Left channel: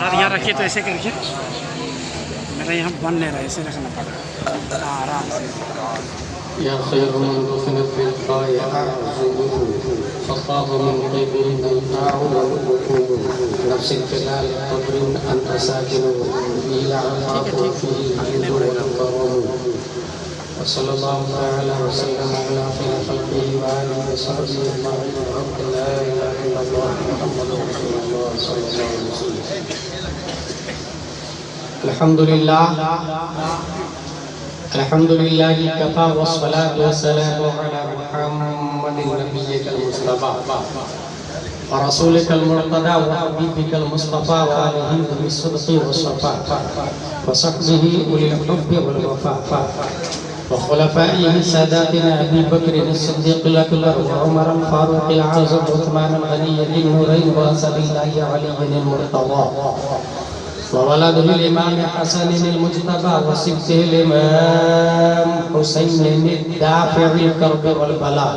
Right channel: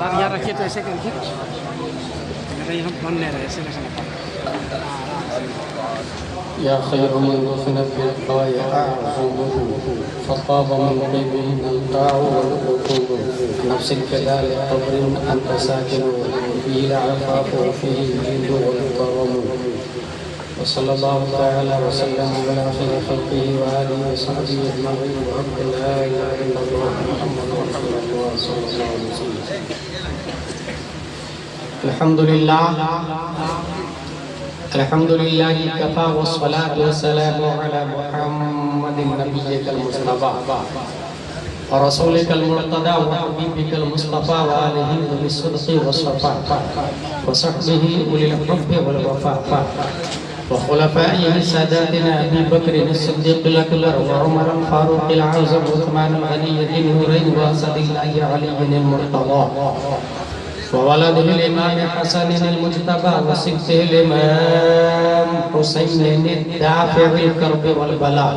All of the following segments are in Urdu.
ہاتھ یہاں رکھیے تو ایسے کر کے ارے ہم بن نہیں رہے ایسے کیسے يا خير من دفنت بالقاء أعظمه فطاب من قبل القاع والركوب نفس كذلك قبر أنت ساكن فيه العفاف وفيه الجود والكرم وصلى الله تعالى وسلم على خير خلقه وآله وصحبه أجمعين وحمد لا إله إلا الله محمد رسول الله صلى الله عليه وسلم. الحمد لله الحمد لله كفى والصلاة والسلام على محمد نبيك المصطفى ورسولك المرتضى وحبيبك المصطفى وآله بالصدق والصفاء وصحبه أولي الحب والوفاء وخلفائه ساداتنا أبي بكر الصديق الأكبر وعمر الفاروق العظيم وعثمان الغني النورين وأسد الله علي المرتضى وولده الإمام حسن المجتبى وسبته الإمام حسين الدافع الكرب والبلاء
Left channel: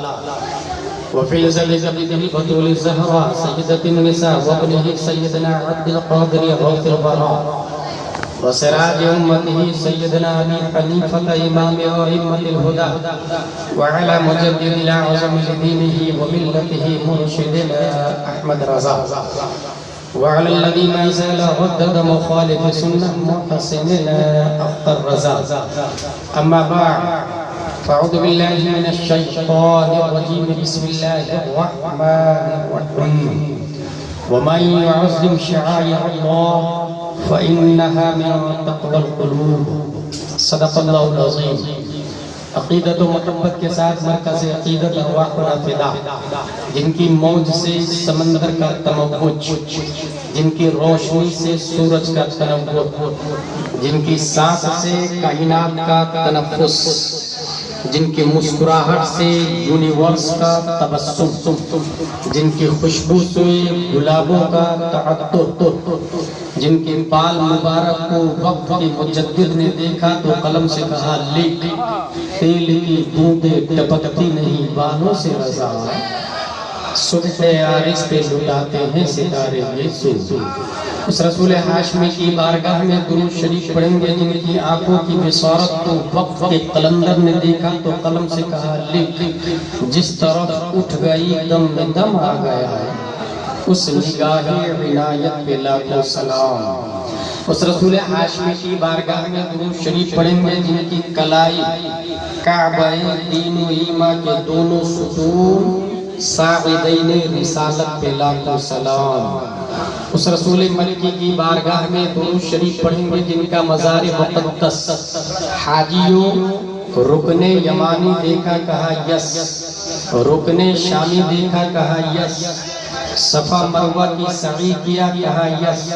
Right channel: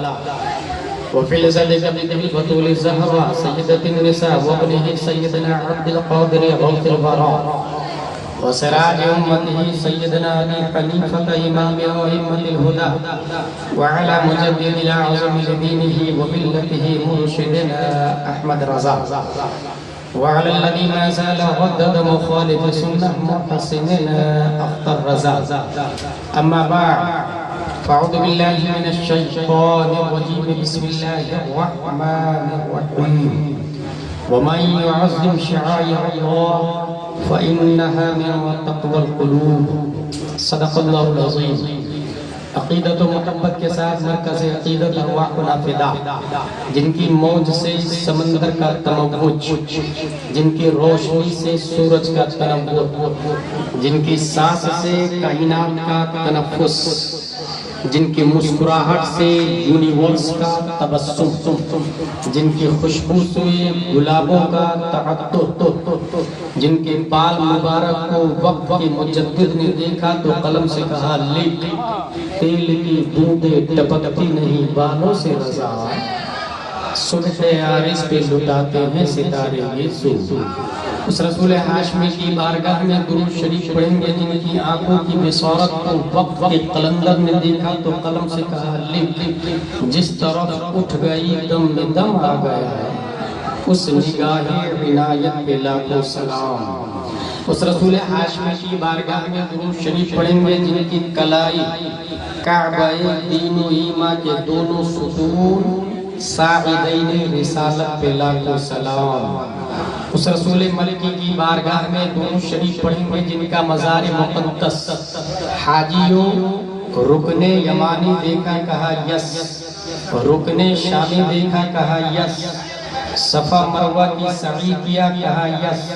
وفي ذلك ابنه بطول الزهراء سيدة النساء وابنه سيدنا عبد القادر غوث البراء وسراج أمته سيدنا أبي حنيفة إمام أئمة الهدى وعلى مجدد الأعظم لدينه وملته مرشدنا أحمد رضا وعلى الذين إذا ردد مخالف سنة محسنين أخطر رزا. أما بعد فأعوذ بالله من الشيطان الرجيم بسم الله الرحمن الرحيم ومن يعظم شعائر الله فإنها من تقوى القلوب. صدق الله العظيم. عقیدت و محبت کے ساتھ مرکز عقیدت ارواحنا فدا، جن کی موج سے سمندر کا تموج، جن کی روشنی سے سورج کا تنور، جن کی سانس سے کائنات کا تنفس، جن کی مسکراہٹ سے یونیورس کا تبسم، جن کی خوشبو سے گلابوں کا تعطر، جن کے بال مبارک کو وقت کے مجدد نے دیکھا تو قلم سے کہا لکھ، تیل کی بوندیں ٹپکتی نہیں بالوں سے رضا، صبح عارض پہ لٹاتے ہیں ستارے میں سو. اس رسول ہاشمی کی بارگاہ میں درود شریف پڑھیں گے جن کی آنکھوں کی بصارت کو وقت کے قلندر نے دیکھا تو قلم سے کہا لکھ، جس طرف اٹھ گئی دم میں دم آ گیا ہے، اس نگاہ عنایت پہ لاکھوں سلام. اس رسول ہاشمی کی بارگاہ میں درود شریف پڑھیں گے جن کی کلائی کعبہ دین و ایمان کے دونوں ستون ساعدین رسالت پہ لاکھوں سلام. اس رسول ملکی کی بارگاہ میں درود شریف پڑھیں گے جن کا مزار مقدس حاجیوں رکن یمانی دیکھا کہا یس، رکن شامی دیکھا کہا یس، صفا مروہ کی سعی کیا کہا یس،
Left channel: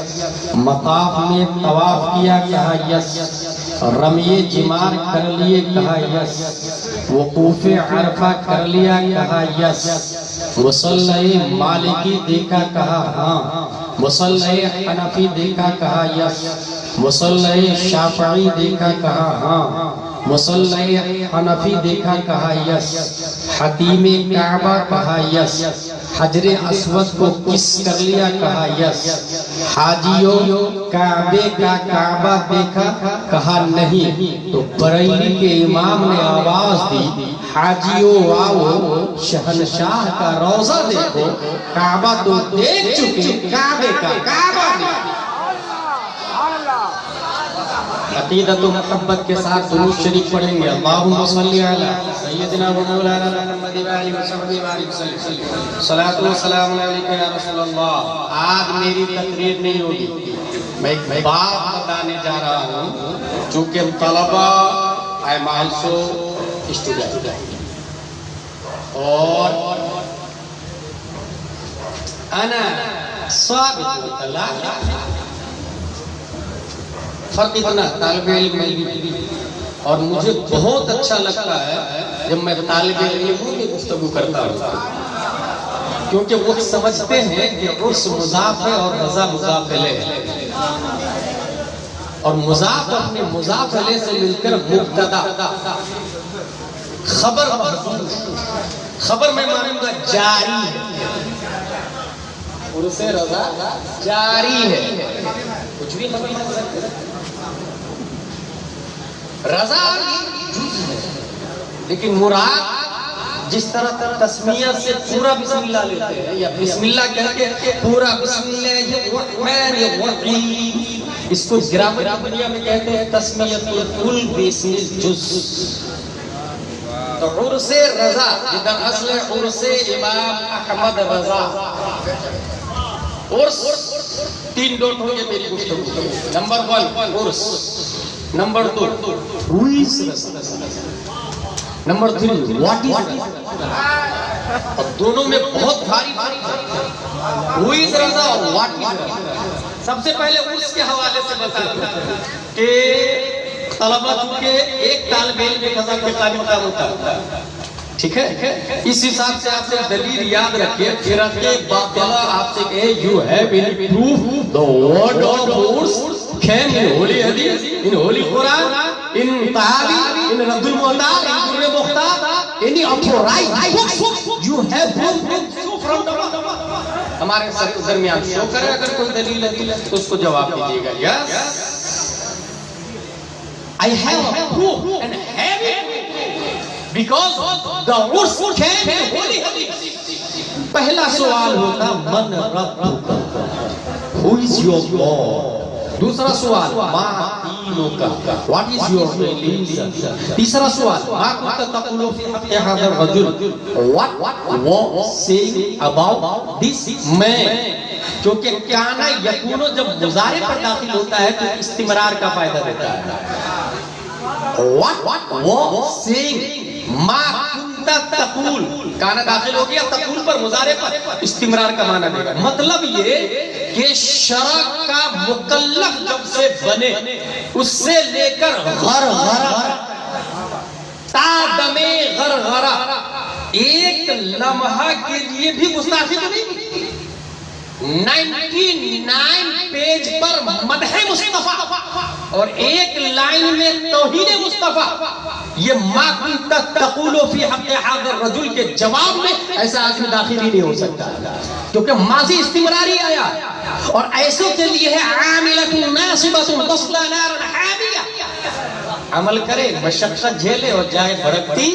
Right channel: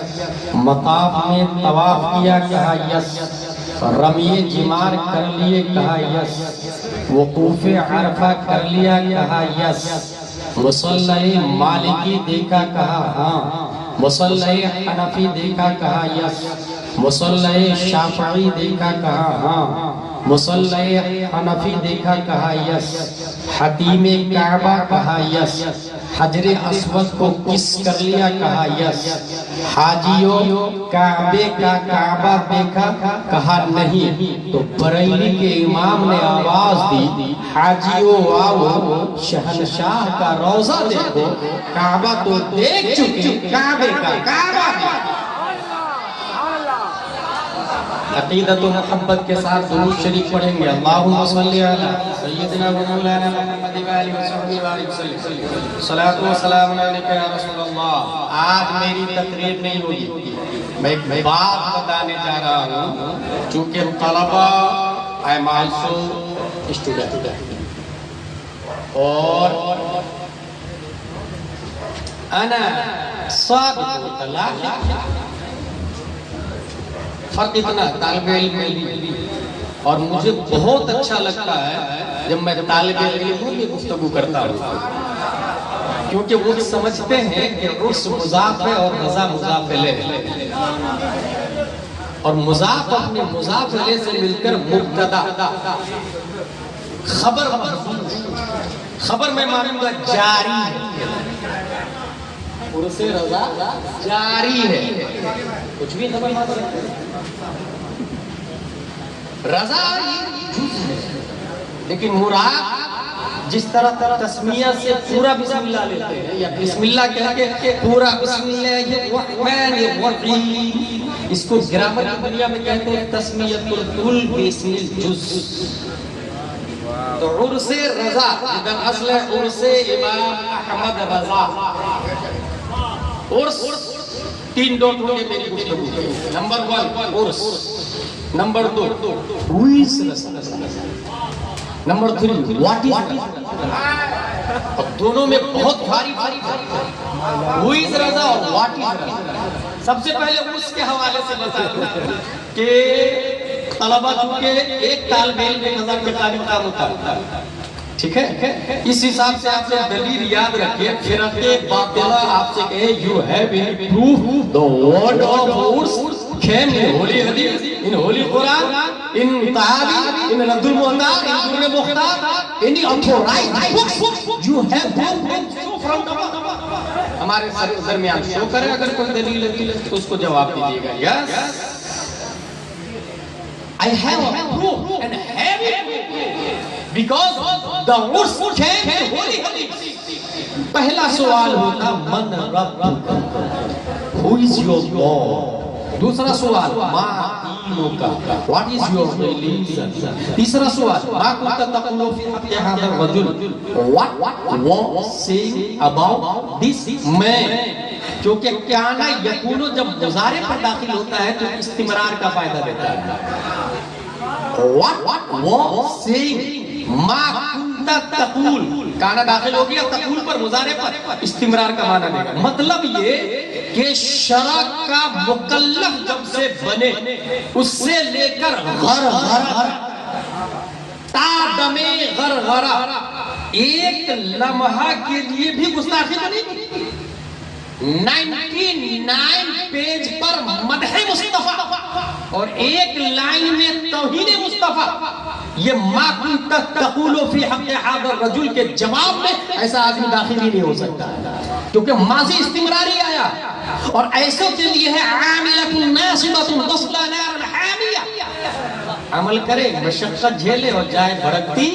مطاف میں طواف کیا کہا یس، رمی جمار کر لیے کہا یس، وقوف عرفہ کر لیا کہا یس، مصلی مالکی دیکھا کہا ہاں، مصلی حنفی دیکھا کہا یس، مصلی شافعی دیکھا کہا ہاں، مصلی حنفی دیکھا کہا یس، حتیم کعبہ کہا یس، حجر اسود کو کس کر لیا کہا یس، حاجیوں کعبے کا کعبہ دیکھا کہا نہیں تو بریلی کے امام نے آواز دی حاجیوں آؤ شہنشاہ کا روضہ دیکھو، کعبہ تو دیکھ چکے کعبے کا کعبہ دیکھو. عقیدت و محبت کے ساتھ درود شریف پڑھیں گے. اللہم صلی علی سیدنا و مولانا محمد و آلہ وصحبہ وسلم. صلاۃ و سلام علیک یا رسول اللہ. آج میری تقریر نہیں ہوگی، میں ایک بات بتانے جا رہا ہوں چونکہ طلبہ I am also student اور انا صادق اللہ. فرق اتنا طالب علم میں اور مجھے بہت اچھا لگتا ہے جب میں طالب علموں کی گفتگو کرتا ہوں، کیونکہ وہ سمجھتے ہیں کہ عرس مضاف ہے اور رضا مضاف الیہ ہے، اور مضاف اپنے مضاف الیہ سے مل کر مبتدا خبر محذوف، خبر میں مانوں گا جاری ہے، عرس رضا جاری ہے. کچھ بھی خبر مان سکتے ہیں. رضا یہ جز ہے، لیکن مراد جس طرح تسمیہ سے پورا بسم اللہ لیتے ہیں یا بسم اللہ کہہ کے پورا بسم اللہ الرحمن الرحیم، اس کو گرامر کی دنیا میں کہتے ہیں تسمیۃ الکل باسم الجز. تو عرس رضا جدر اصل عرس امام احمد رضا. عرس تین ڈوٹ ہوں گے میری گفتگو کے. نمبر 1 عرس، number 2 who is Raza, number 3 what is رضا. دونوں میں بہت بھاری who is رضا اور what is رضا. سب سے پہلے اس کے حوالے سے بتا دوں کہ طلبہ چونکہ ایک طالب علم ایک ہزار کے تعلیم کا ہوتا ہے، ٹھیک ہے، اس حساب سے آپ نے دلیل یاد رکھیے. فرق باطلہ آپ سے کہے you have any proof the word of words came in holy hadith, in holy Quran, in Tahawi, in Radd al-Muhtar, in Ibn Mukhtar, any authorized books you have proof from the ہمارے درمیان شو کریں. اگر کوئی دلیل ہے تو اس کو جواب دیجیے گا. یس I have a proof and have it because the words came in holy hadith. پہلا سوال ہوتا من ربک، who is your God. دوسرا سوال ما دینک، what is your religion. تیسرا سوال ما كنت تقول في حق هذا الرجل، what was saying about this man. کیونکہ کانا یکونو جب مضارع پر داخل ہوتا ہے تو استمرار کا فائدہ دیتا ہے. what was saying ما كنت تقول، کانا داخل ہو گیا تقول پر، مضارع پر، استمرار کا معنی دے گا. مطلب یہ کہ شرع کا مکلف جب سے بنے اس سے لے کر غرغرہ تا دم غرغرہ ایک لمحہ کے لیے بھی گستاخی تو نہیں. 99 پیج پر مدح مصطفیٰ اور ایک لائن میں توہین مصطفیٰ. یہ ما کنت تقول فی حق هذا الرجل کے جواب میں ایسا آدمی داخل ہی نہیں ہو سکتا کیونکہ ماضی استمراری آیا. اور ایسوں کے لیے ہے عاملۃ ناصبۃ تصلی نارا حامیہ، عمل کرے مشقت جھیلے اور جائے بھڑکتی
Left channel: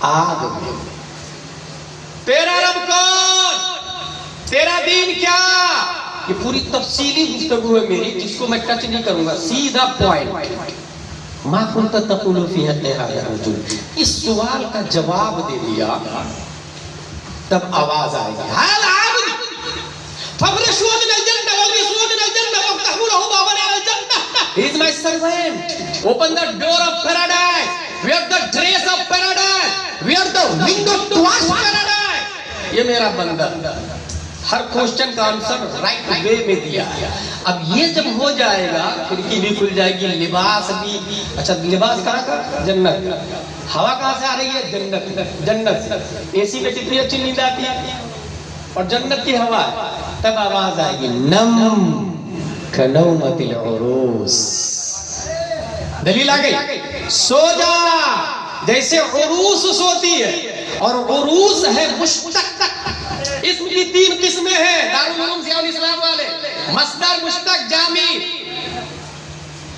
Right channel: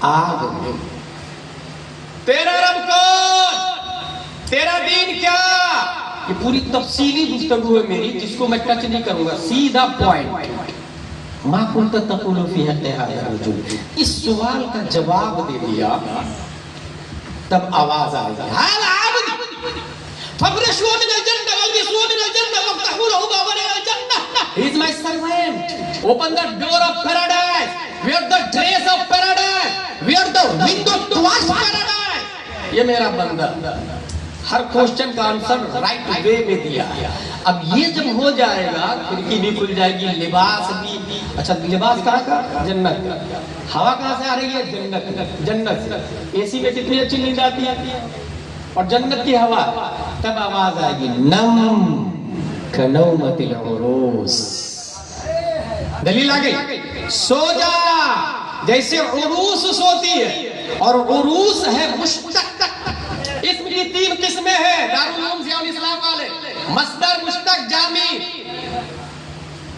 آگ. تیرا رب کون، تیرا دین کیا، یہ پوری تفصیلی گفتگو ہے میری جس کو میں ٹچ نہیں کروں گا. سیدھا پوائنٹ ما کنت تقول فی حق هذا الرجل. اس سوال کا جواب دے دیا تب آواز آئے گی حال عابد فَفْرِشُوا مِنَ الْجَنَّةِ وَالْبِسُوا مِنَ الْجَنَّةِ وَافْتَحُوا لَهُ بَابًا الْجَنَّةِ. He is my servant. Open the door of paradise. Wear the dress of paradise. Wear the window towards paradise. یہ میرا بندہ ہر کوشچن کا آنسر رائٹ وے میں دیا. اب یہ جب ہو جائے گا کھڑکی بھی کھل جائے گی، لباس بھی. اچھا لباس کہاں کا؟ جنت. ہوا کہاں سے آ رہی ہے؟ جنت. جنت اے سی میں کتنی اچھی نیند آتی ہے اور جنت کی ہوا. تب آواز آئے گی نم کنومت العروس. دلیل آ گئی، سو جا جیسے عروس سوتی ہے. اور عروس ہے مشتق. اسم کی 3 قسمیں ہیں دارالعلوم ضیاء الاسلام والے. مصدر مشتق جامع،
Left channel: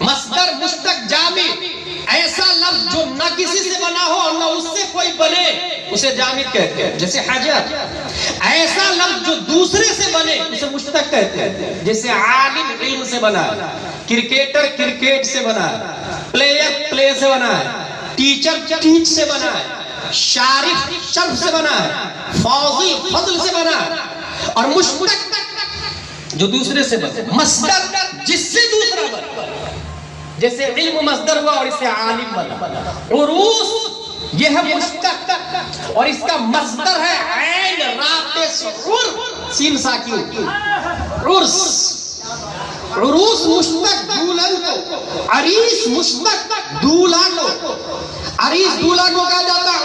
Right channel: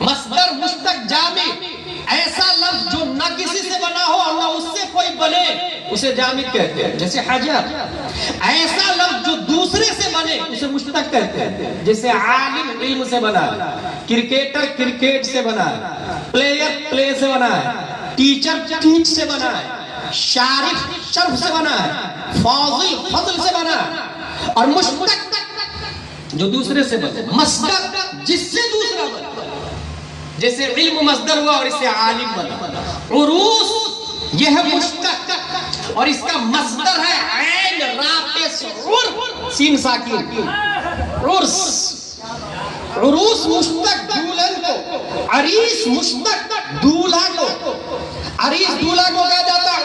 مصدر مشتق جامع ایسا لفظ جو نہ کسی سے بنا ہو اور نہ اس سے کوئی بنے اسے جامد کہتے ہیں، جیسے حجر. ایسا لفظ جو دوسرے سے بنے اسے مشتق کہتے ہیں، جیسے عالم علم سے بنا ہے، کرکٹر کرکٹ سے بنا ہے، پلیئر پلے سے بنا ہے، ٹیچر ٹیچ سے بنا ہے، شارف شرف سے بنا ہے، فاضل فضل سے بنا ہے. اور مشتق جو دوسرے سے بنے. مصدر جس سے دوسرا بنا، جیسے علم مصدر ہوا اور اس سے عالم بنا. عروس یہ ہے مشتق اور اس کا مصدر ہے عین راتس عر سین ساکن عرس. عروس مشتق دولن کو، عریس مشتق دولہ کو. عریس دولہ کو کہا جاتا ہے،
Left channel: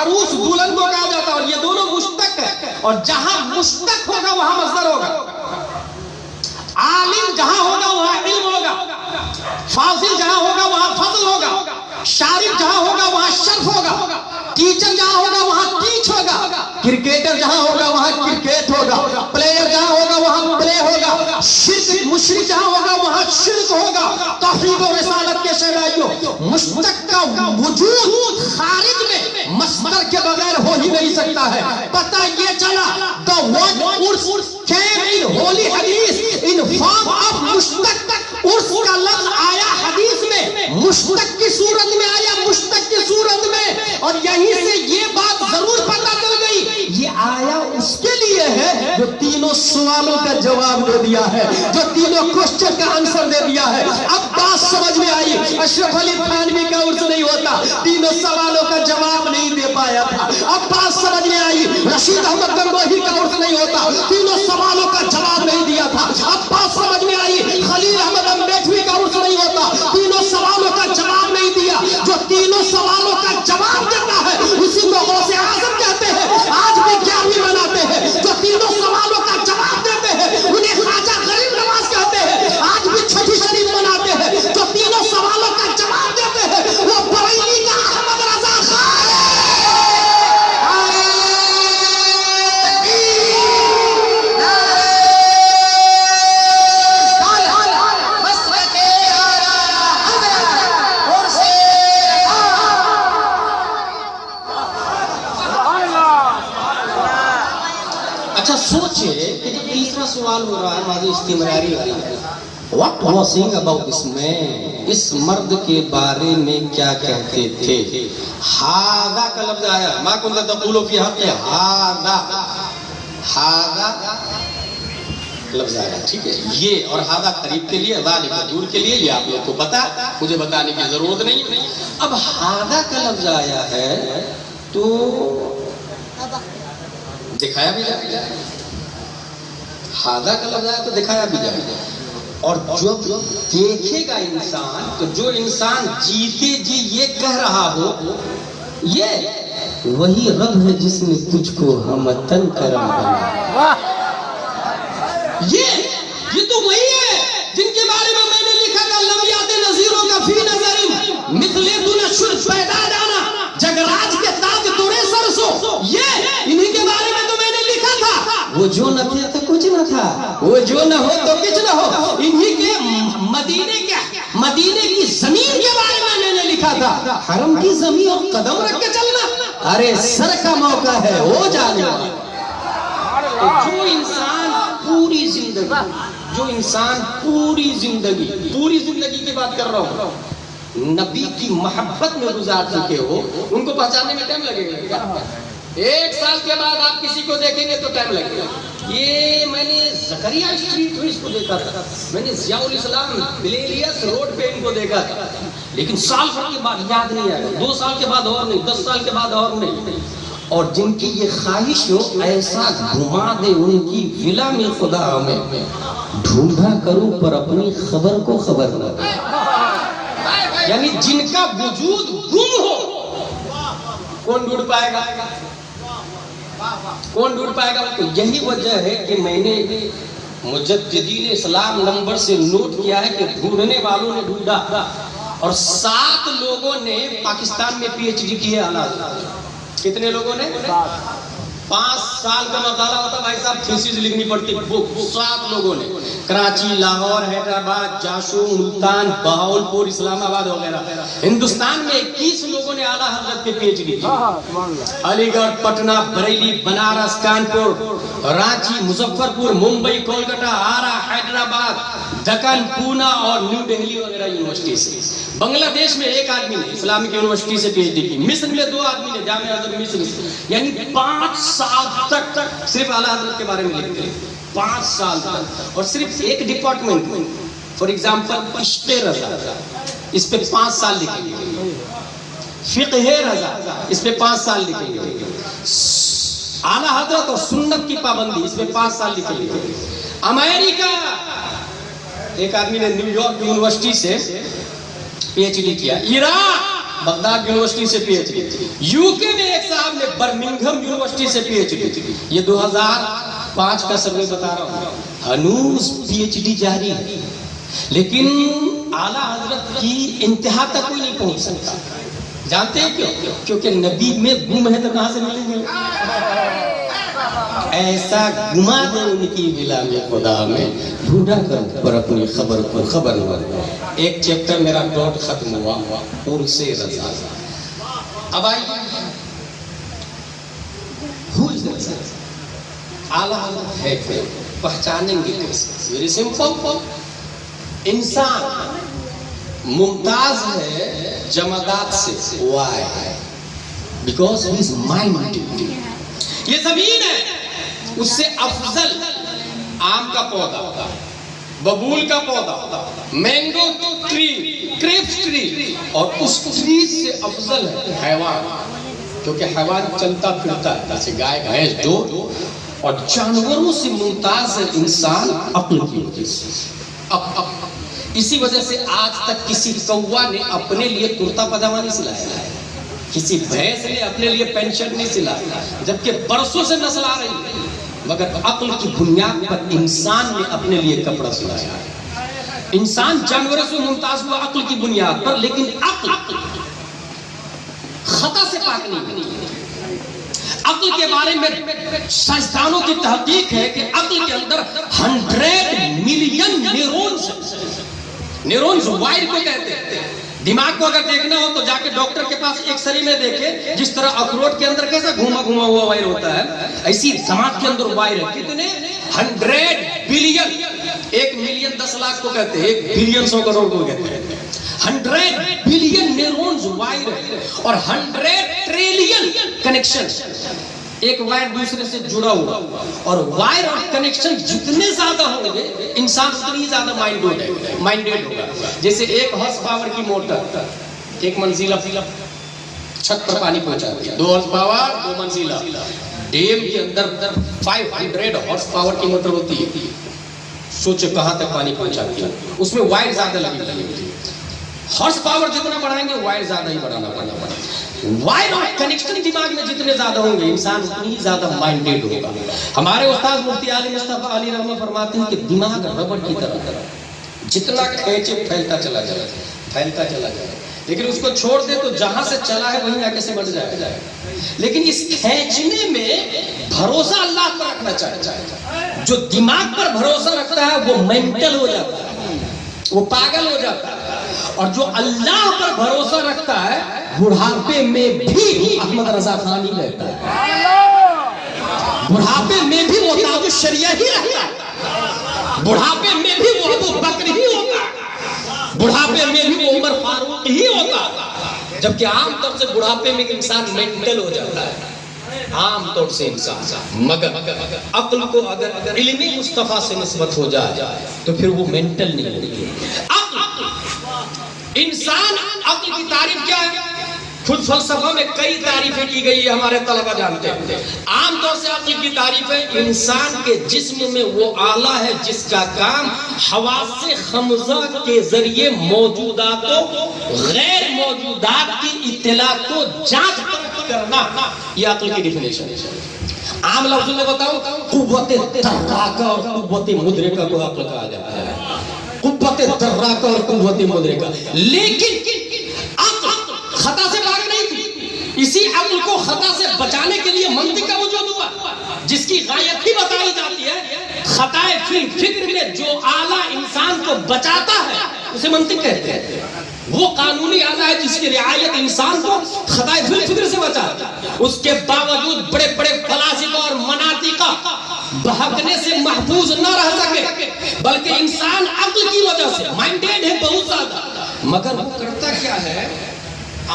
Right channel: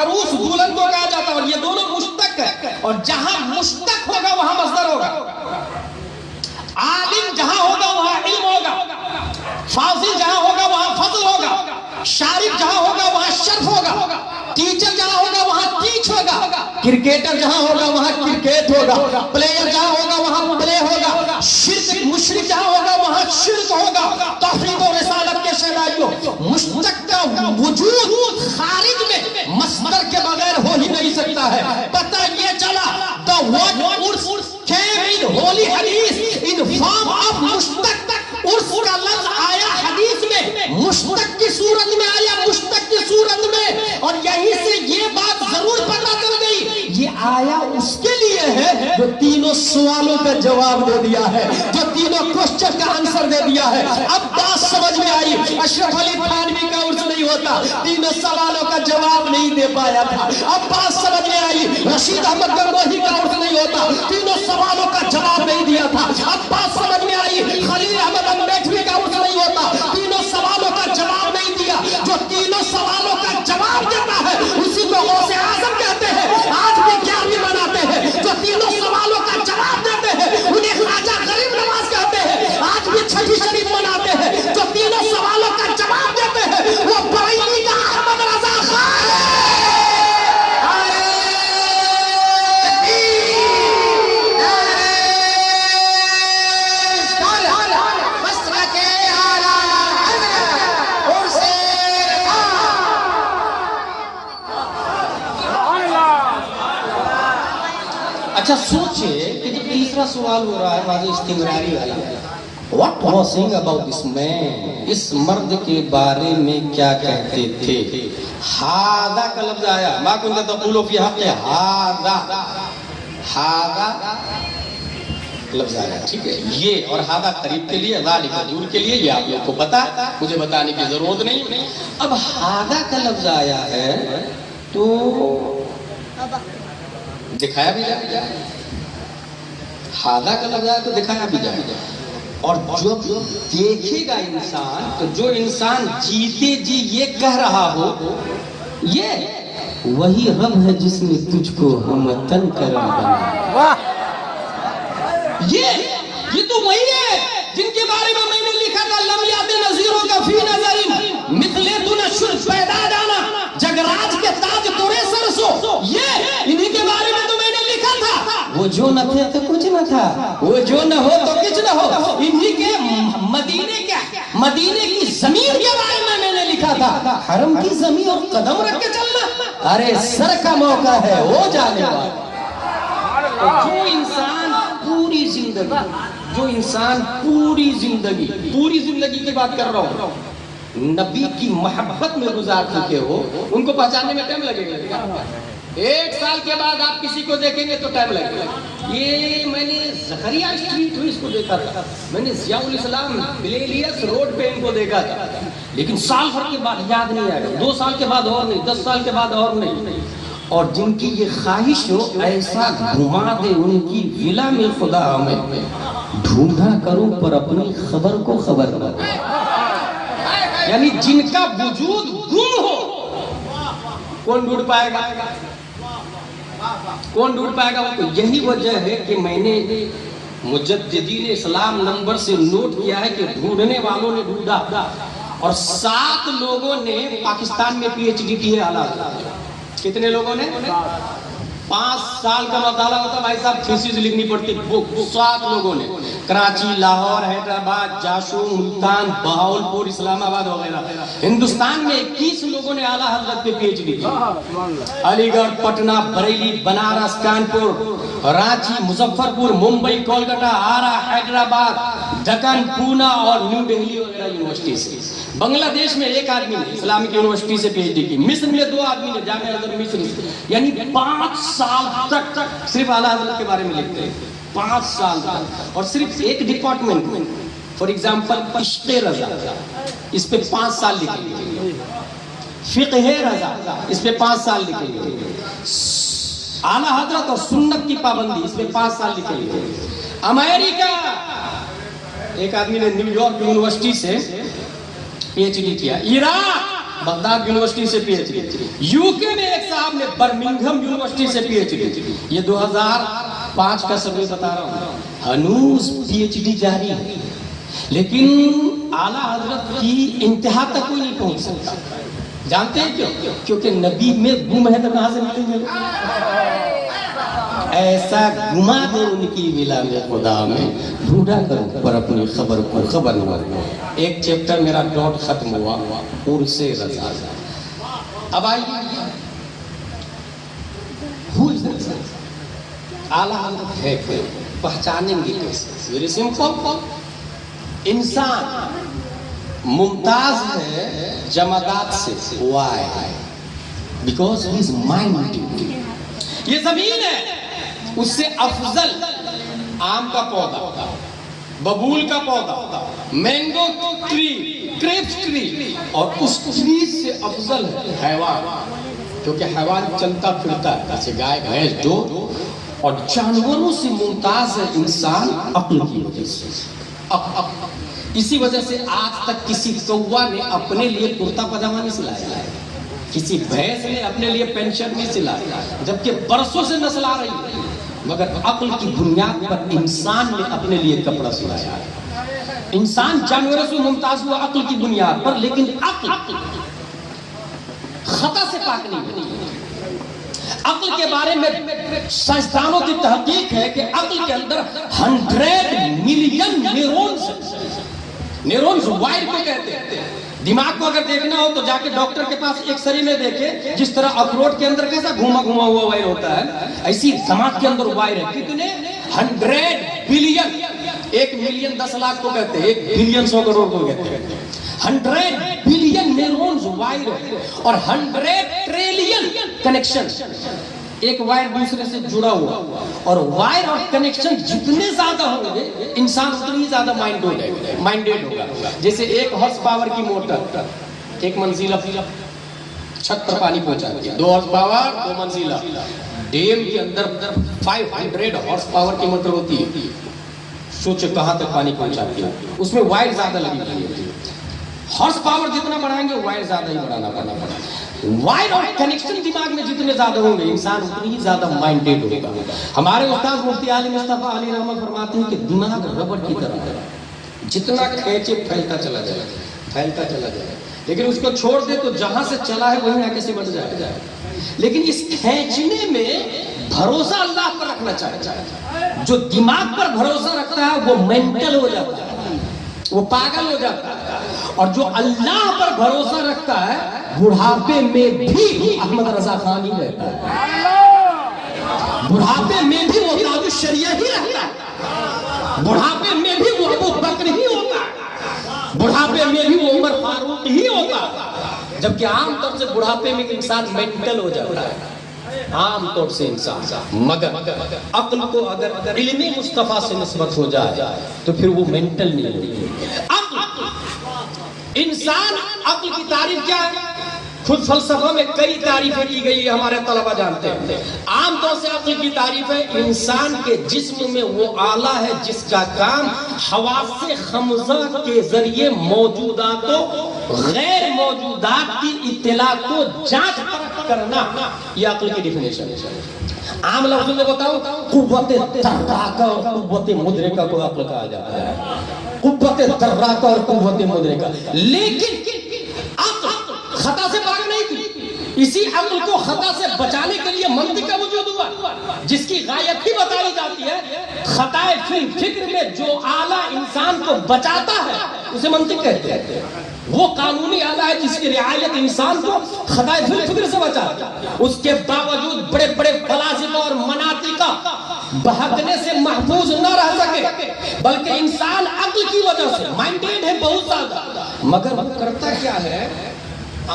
عروس دولن کو کہا جاتا ہے. اور یہ دونوں مشتق ہے اور جہاں مشتق ہوگا وہاں مصدر ہوگا. عالم جہاں ہوگا وہاں علم ہوگا، فاضل جہاں ہوگا وہاں فضل ہوگا. شارف جہاں ہوگا وہاں شرف ہوگا، ٹیچر جہاں ہوگا وہاں ٹیچ ہوگا، کرکٹر جہاں ہوگا وہاں کرکٹ ہوگا، پلیئر جہاں ہوگا وہاں پلے ہوگا، شرک مشرک جہاں ہوگا وہاں شرک ہوگا۔ توحید و رسالت کے شہنائیوں، مشتق کا وجود خارج میں مصدر کے بغیر ہو ہی نہیں سکتا ہے۔ پتہ یہ چلا the word urs came in holy hadith in form of مشتق۔ ارس کا لفظ آیا حدیث میں مشتق کی صورت میں آیا، مشتق کی صورت میں، اور یہیں سے یہ بات ضرور پتہ چل گئی یہ آیا اس کے لیے ہے جو تینوں سوالوں کا جواب دے دیا ہے، جو تینوں کوشچن کا آنسر دے دیا ہے۔ اب بات سمجھ میں آئی، اشرف علی تھانوی کا عرس نہیں ہوتا، تینوں سوالوں کا جواب نہیں دے پایا تھا۔ اب بات سمجھ میں آئی، رشید احمد گنگوہی کا عرس نہیں ہوتا، تینوں سوالوں کا جواب نہیں دیا تھا۔ اب بات سمجھ میں آئی، خلیل احمد امبیڈکر کا عرس نہیں ہوتا، تینوں سوالوں کا جواب نہیں دیا۔ جو تینوں سوالوں کا جواب دیتا ہے اسی کو غوث اعظم کہتے ہیں، آج بھی 11ویں مناتے ہیں۔ جو تینوں سوالوں کا جواب دیتے ہیں انہیں خواجہ غریب نواز کہتے ہیں، آج بھی چھٹی شریف مناتے ہیں۔ جو تینوں سوالوں کا جواب دیتے ہیں وہ بریلی کا احمد رضا خان ہے۔ اچھا سوچے کہ جو تیسرا سوال ہو رہا ہے واضح استمراری والا، what was saying about this man، اس مرد کے بارے میں کیا کہتے تھے؟ ہاذا کا لفظ آیا، ما کنت تقول فی حق ہاذا، ہاذا لفظ آیا، ٹھیک ہے، یہ اور ہاذا قریب کے لیے، ذالک دور کے لیے، یہ آپ لوگ کو پتا، مجھے بتانے کی ضرورت نہیں۔ اب ہاذا کا لفظ آیا ہے تو دکھایا بھی جائے، ہاذا کا لفظ آیا تو دکھایا بھی جائے، اور جو دیکھے گا انسان، تو جو انسان جیتے جی یہ کہہ رہا ہو یہ وہی رب ہے جس نے تجھ کو ہمتن کرم بنایا۔ یہ تو وہی ہے جن کے بارے میں میں نے لکھا تھا لم یات نظیروں کا فی نظر مثل دون پیدا جانا، جگراج کے تاج توڑے سر سو، یہ انہی کے بارے میں تو میں نے لکھا تھا۔ وہ جو نہ تھا تو کچھ نہ تھا، وہ جو نہ ہو تو کچھ نہ ہو، انہی کے مدینے کی زمین کے بارے میں میں نے لکھا تھا، حرم کی زمین اور قدم رکھ کے چلنا، ارے سر کا موقع ہے وہ جانے والا۔ جو انسان پوری زندگی کی بات کر رہا ہوں، نبی کی محبت میں گزار چکے ہو، ان کو پہچاننے میں ٹائم لگے گا۔ 1 سال کے بعد آپ کسی کو دیکھیں گے تو ٹائم لگے گا۔ یہ میں نے زکریا اسٹریٹ کو دیکھا تھا، میں نے ضیاء الاسلام بلیلیس روڈ پہ ان کو دیکھا تھا، لیکن سال بھر کے بعد یاد نہیں آئے گا، 2 سال کے بعد اور نہیں، 10 سال کے بعد اور نہیں۔ اور جن کی یہ خواہش ہو ایسا گھما دے ان کی ولا میں خدا ہمیں، ڈھونڈا کروں پر اپنی خبر کو خبر نہ دے، یعنی جن کا وجود گم ہو کون ڈھونڈ پائے گا؟ کون ڈھونڈ پائے گا؟ تو یہی وجہ ہے کہ میں نے مجددین اسلام نمبر سے نوٹ کیا ہے کہ ڈھونڈنے والوں نے ڈھونڈا، اور 7 لوگوں نے پاکستان میں پی ایچ ڈی کی ہے اعلیٰ۔ کتنے لوگوں نے؟ 5 سال کا مطالعہ ہوتا بھائی صاحب، تھیسس لکھنی پڑتی، 7 لوگوں نے، کراچی، لاہور، حیدرآباد، جاشو، ملتان، بہاولپور، اسلام آباد وغیرہ۔ ہندوستان میں 21 لوگوں نے اعلیٰ حضرت کے پی ایچ ڈی کی، علی گڑھ، پٹنہ، بریلی، بنارس، کانپور، رانچی، مظفر پور، ممبئی، کولکتہ، آرا، حیدرآباد، دکن، پونا اور نیو دہلی وغیرہ یونیورسٹی سے۔ بنگلہ دیش میں 1 آدمی نے اسلامک یونیورسٹی سے پی ایچ ڈی کی، مصر میں 2 آدمی نے جامعہ ازہر مصر سے، یعنی 5 سال تک صرف اعلیٰ حضرت کے بارے میں لکھتے ہیں، 5 سال تک، اور صرف ایک ڈپارٹمنٹ میں، فار ایگزامپل عشق رضا، اس پہ 5 سال لکھیں گے، فقہ رضا، اس پہ 5 سال لکھیں گے، اعلیٰ حضرت اور سنت کی پابندی، اس پہ 5 سال لکھیں گے۔ امریکہ، ایک آدمی نے نیو یارک یونیورسٹی سے پی ایچ ڈی کیا، عراق، بغداد یونیورسٹی سے پی ایچ ڈی، یو کے میں ایک صاحب نے برمنگھم یونیورسٹی سے پی ایچ ڈی، یہ 2005 کا سروے بتا رہا ہوں، ہنوز پی ایچ ڈی جاری ہے، لیکن اعلیٰ حضرت کی انتہا تک کوئی نہیں پہنچ سکتا. جانتے ہیں کیوں؟ کیونکہ نبی میں گم ہے تو کہاں سے ملیں گے؟ ایسا گما دے ان کی ملا میں خدا میں ڈھونڈا کر پر اپنی خبر کو خبر ہوا. ایک چیپٹر میرا ڈاٹ ختم ہوا اور سے رضا. اب آئیے اعلیٰ ہے کہ پہچانیں گے کیسے؟ Very simple. انسان ممتاز ہے جمادات سے. Why? Because he is mind. یہ زمین ہے اس سے افضل آم کا پودا، ببول کا پودا، مینگو ٹری، کریپس ٹری، اور اس ٹری سے افضل ہے حیوان. کیونکہ حیوان چلتا پھرتا ہے جیسے گائے بھینس جو، اور جانوروں سے ممتاز ہے انسان عقل کی وجہ سے. اسی وجہ سے آج تک کسی کوا نے اپنے لیے کرتا پاجامہ نہیں سلایا، کسی بھینس نے اپنے لیے پینٹ شرٹ نہیں سلایا، جبکہ برسوں سے نسل آ رہی ہے. مگر عقل کی بنیاد پر انسان نے اپنے لیے کپڑا سلایا. انسان جانوروں سے ممتاز ہوا عقل کی بنیاد پر، لیکن عقل خطا سے پاک نہیں ہے. عقل کے بارے میں سائنسدانوں کی تحقیق ہے کہ عقل کے اندر 100 ملین نیورونز وائر کو کہتے ہیں. دماغ کو اگر دیکھنا ہو تو جا کے ڈاکٹر کے پاس ایک سری میں دیکھے. جس طرح اخروٹ کے اندر کیسا گھوما گھوما ہوا وائر ہوتا ہے، ایسی دماغ کے اندر وائر ہے. کتنے؟ 100 بلین. 1 ملین 10 لاکھ کو کہتے ہیں، 1 بلین 100 کروڑ کو کہتے ہیں. 100 بلین نیورونز وائر ہے اور 100 ٹریلین کنیکشن. ایک وائر دوسرے سے جڑا ہوا، اور وائر اور کنیکشن جتنے زیادہ ہوں گے انسان اتنی زیادہ مائنڈیڈ ہوگا. جیسے 1 ہارس پاور کی موٹر 1 منزلہ چھت پر پانی پہنچاتی ہے، 2 ہارس پاور 2 منزلہ. ڈیم کے اندر 500 ہارس پاور کی موٹر ہوتی ہے. سوچو کہاں تک پانی پہنچاتی ہے. اس میں وائر زیادہ لگی ہوئی ہوتی ہے. ہارس پاور جتنا بڑھائیں گے وائر زیادہ ہی بڑھانا پڑے گا. وائر اور کنیکشن دماغ میں جتنے زیادہ ہوں گے انسان اتنی ہی زیادہ مائنڈیڈ ہوگا. ہمارے استاد مفتی علی مصطفیٰ علی رحمہ فرماتے ہیں کہ دماغ ربڑ کی طرح جتنا کھینچے پھیلتا چلا جائے، لیکن اس کو چھوڑ دے تو جہاں سے چلا ہے وہیں آ کے سمٹ جائے. لیکن اس کھینچنے میں بھروسہ اللہ پر رکھنا چاہیے. جو دماغ پر بھروسہ رکھتا ہے وہ مینٹل ہو جاتا ہے، وہ پاگل ہو جاتا ہے. اور جو اللہ پر بھروسہ رکھتا ہے بڑھاپے میں بھی احمد رضا خان ہی رہتا ہے. بڑھاپے میں بھی وہ تاج الشریعہ ہی رہتا ہے. بڑھاپے میں بھی وہ ابو بکر ہی ہوتا ہے. بڑھاپے میں بھی وہ عمر فاروق ہی ہوتا ہے. جبکہ عام طور سے بڑھاپے میں انسان مینٹل ہو جاتا ہے، عام طور سے انسان. مگر عقل کو اگر علمی مصطفیٰ سے نسبت ہو جائے تو پھر وہ مینٹل نہیں ہوتی. انسان عقل کی تعریف کیا ہے؟ خود فلسفہ میں کئی تعریفیں کی گئی ہے، ہمارے طلبہ جانتے ہیں. عام طور سے عقل کی تعریف ہے انسان کے جسم میں وہ آلہ ہے جس کا کام حواس خمسہ کے ذریعے موجودات و غیر موجودات کی اطلاعات کو جانچ کرنا. یہ عقل کی ڈیفینیشن ہے. عام لفظوں میں بتاؤ، قوت تحراکہ اور قوت مدرکہ کو عقل کہا جاتا ہے. قوت تحراکہ اور قوت مدرکہ. لیکن عقل خطا سے پاک نہیں تھی. اسی عقل کو خطا سے بچانے کے لیے منطق کا وجود ہوا، جس کی غایت ہی بتائی جاتی ہے. خطائے فی الفکر میں جو آلہ انسان کو بچاتا ہے اسے منطق کہتے ہیں. وہ قانونی آلہ ہے جس کی رعایت انسان کو خطائے فی الفکر سے بچاتا ہے. اس کے باوجود بڑے بڑے فلاسفہ اور مناطقہ بہکنے سے محفوظ نہ رہ سکے، بلکہ انسان عقل کی وجہ سے مائنڈیڈ ہے بہت زیادہ. مگر وہ کرتا کیا ہے؟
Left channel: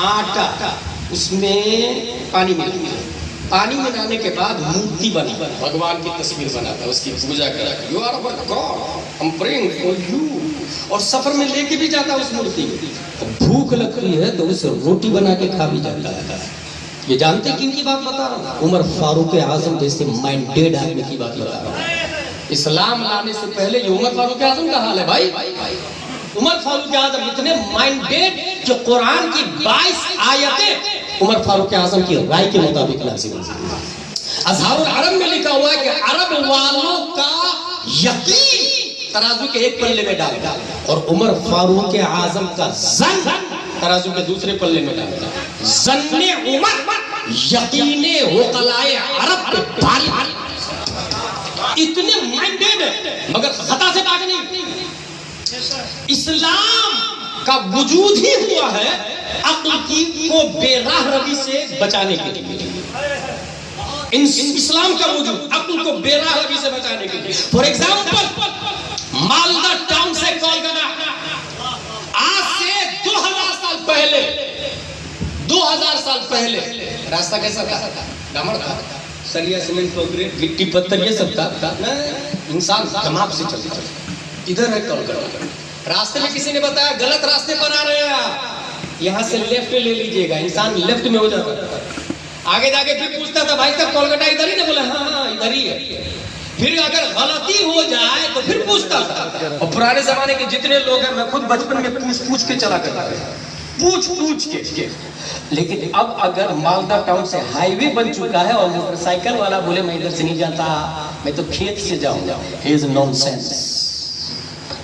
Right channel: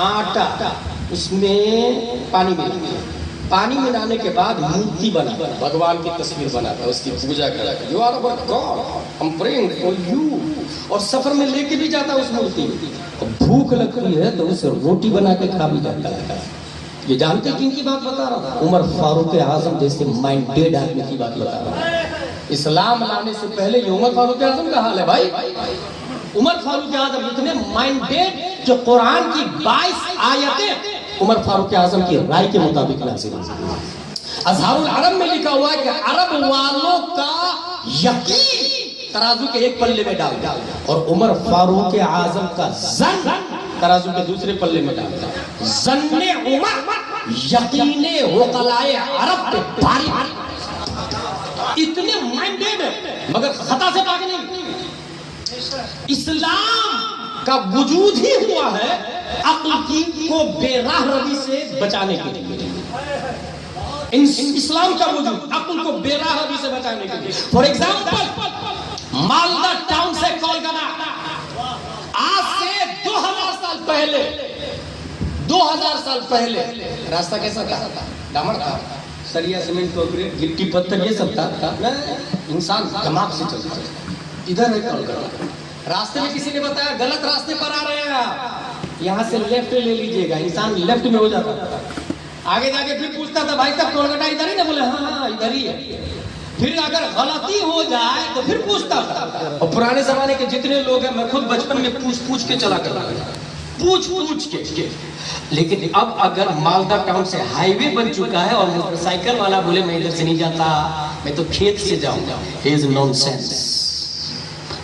آٹا اس میں پانی ملاتا ہے. پانی ملانے کے بعد مورتی بناتا ہے، بھگوان کی تصویر بناتا ہے، اس کی پوجا کرتا ہے. You are our God, I am praying for you. اور سفر میں لے کے بھی جاتا ہے اس مورتی. بھوک لگتی ہے تو اسے روٹی بنا کے کھا بھی جاتا ہے. یہ جانتے کن کی بات بتا رہا ہوں؟ عمر فاروق اعظم جیسے مائنڈیڈ آدمی کی بات بتا رہا ہوں. اسلام لانے سے پہلے یہ عمر فاروق اعظم کا حال ہے بھائی. عمر فاروق اعظم اتنے مائنڈیڈ کہ قرآن کی 22 آیتیں عمر فاروق اعظم کی رائے کے مطابق نازل ہوئی. اظہار العرب میں لکھا ہوا ہے کہ عرب والوں کا یقین ترازو کے ایک پلے میں ڈال اور عمر فاروق اعظم کا زن ترازو کے دوسرے پلے میں ڈالتا ہے. ظن عمر یقین عقلائے عرب پہ بھاری. اتنے مائنڈیڈ ہے مگر خطا سے باقی نہیں. اسلام کا وجود ہی ہوا ہے عقل کی کو بے راہ روی سے بچانے کے لیے. اسلام کا وجود عقل کو بے راہ روی سے بچانے کے لیے. فار ایگزامپل مالدہ ٹاؤن سے کولکاتہ آج سے 2000 سال پہلے راستہ کیسا تھا؟ ڈامر تھا, سریا سیمنٹ کنکریٹ گٹی پتھر یہ سب تھا. انسان دماغ سے چلتا ادھر ہے کولکاتہ. راستے میں کسی نے بتایا غلط راستے پر آ رہے ہیں, یہاں سے لیفٹ لے لیجئے گا. انسان لیفٹ میں ہو جاتا تھا. آگے جا کے پھر پوچھتا تھا بھائی صاحب کولکاتہ ادھر ہی نا؟ بولے ہاں ادھر ہی ہے. پھر اگر غلطی ہو جائے تو پھر پوچھتا تھا. اور پرانے زمانے کے جتنے لوگ ہیں, میں خود بچپن میں پوچھ کے چلا کرتا تھا, پوچھ کے. لیکن اب اگر مالدہ ٹاؤن سے ہائی وے بن چکا ہے اور موٹر سائیکل والا بولے میں ادھر سے نہیں جاتا, میں تو کھیت سے جاؤں گا, ہی از نان سینس.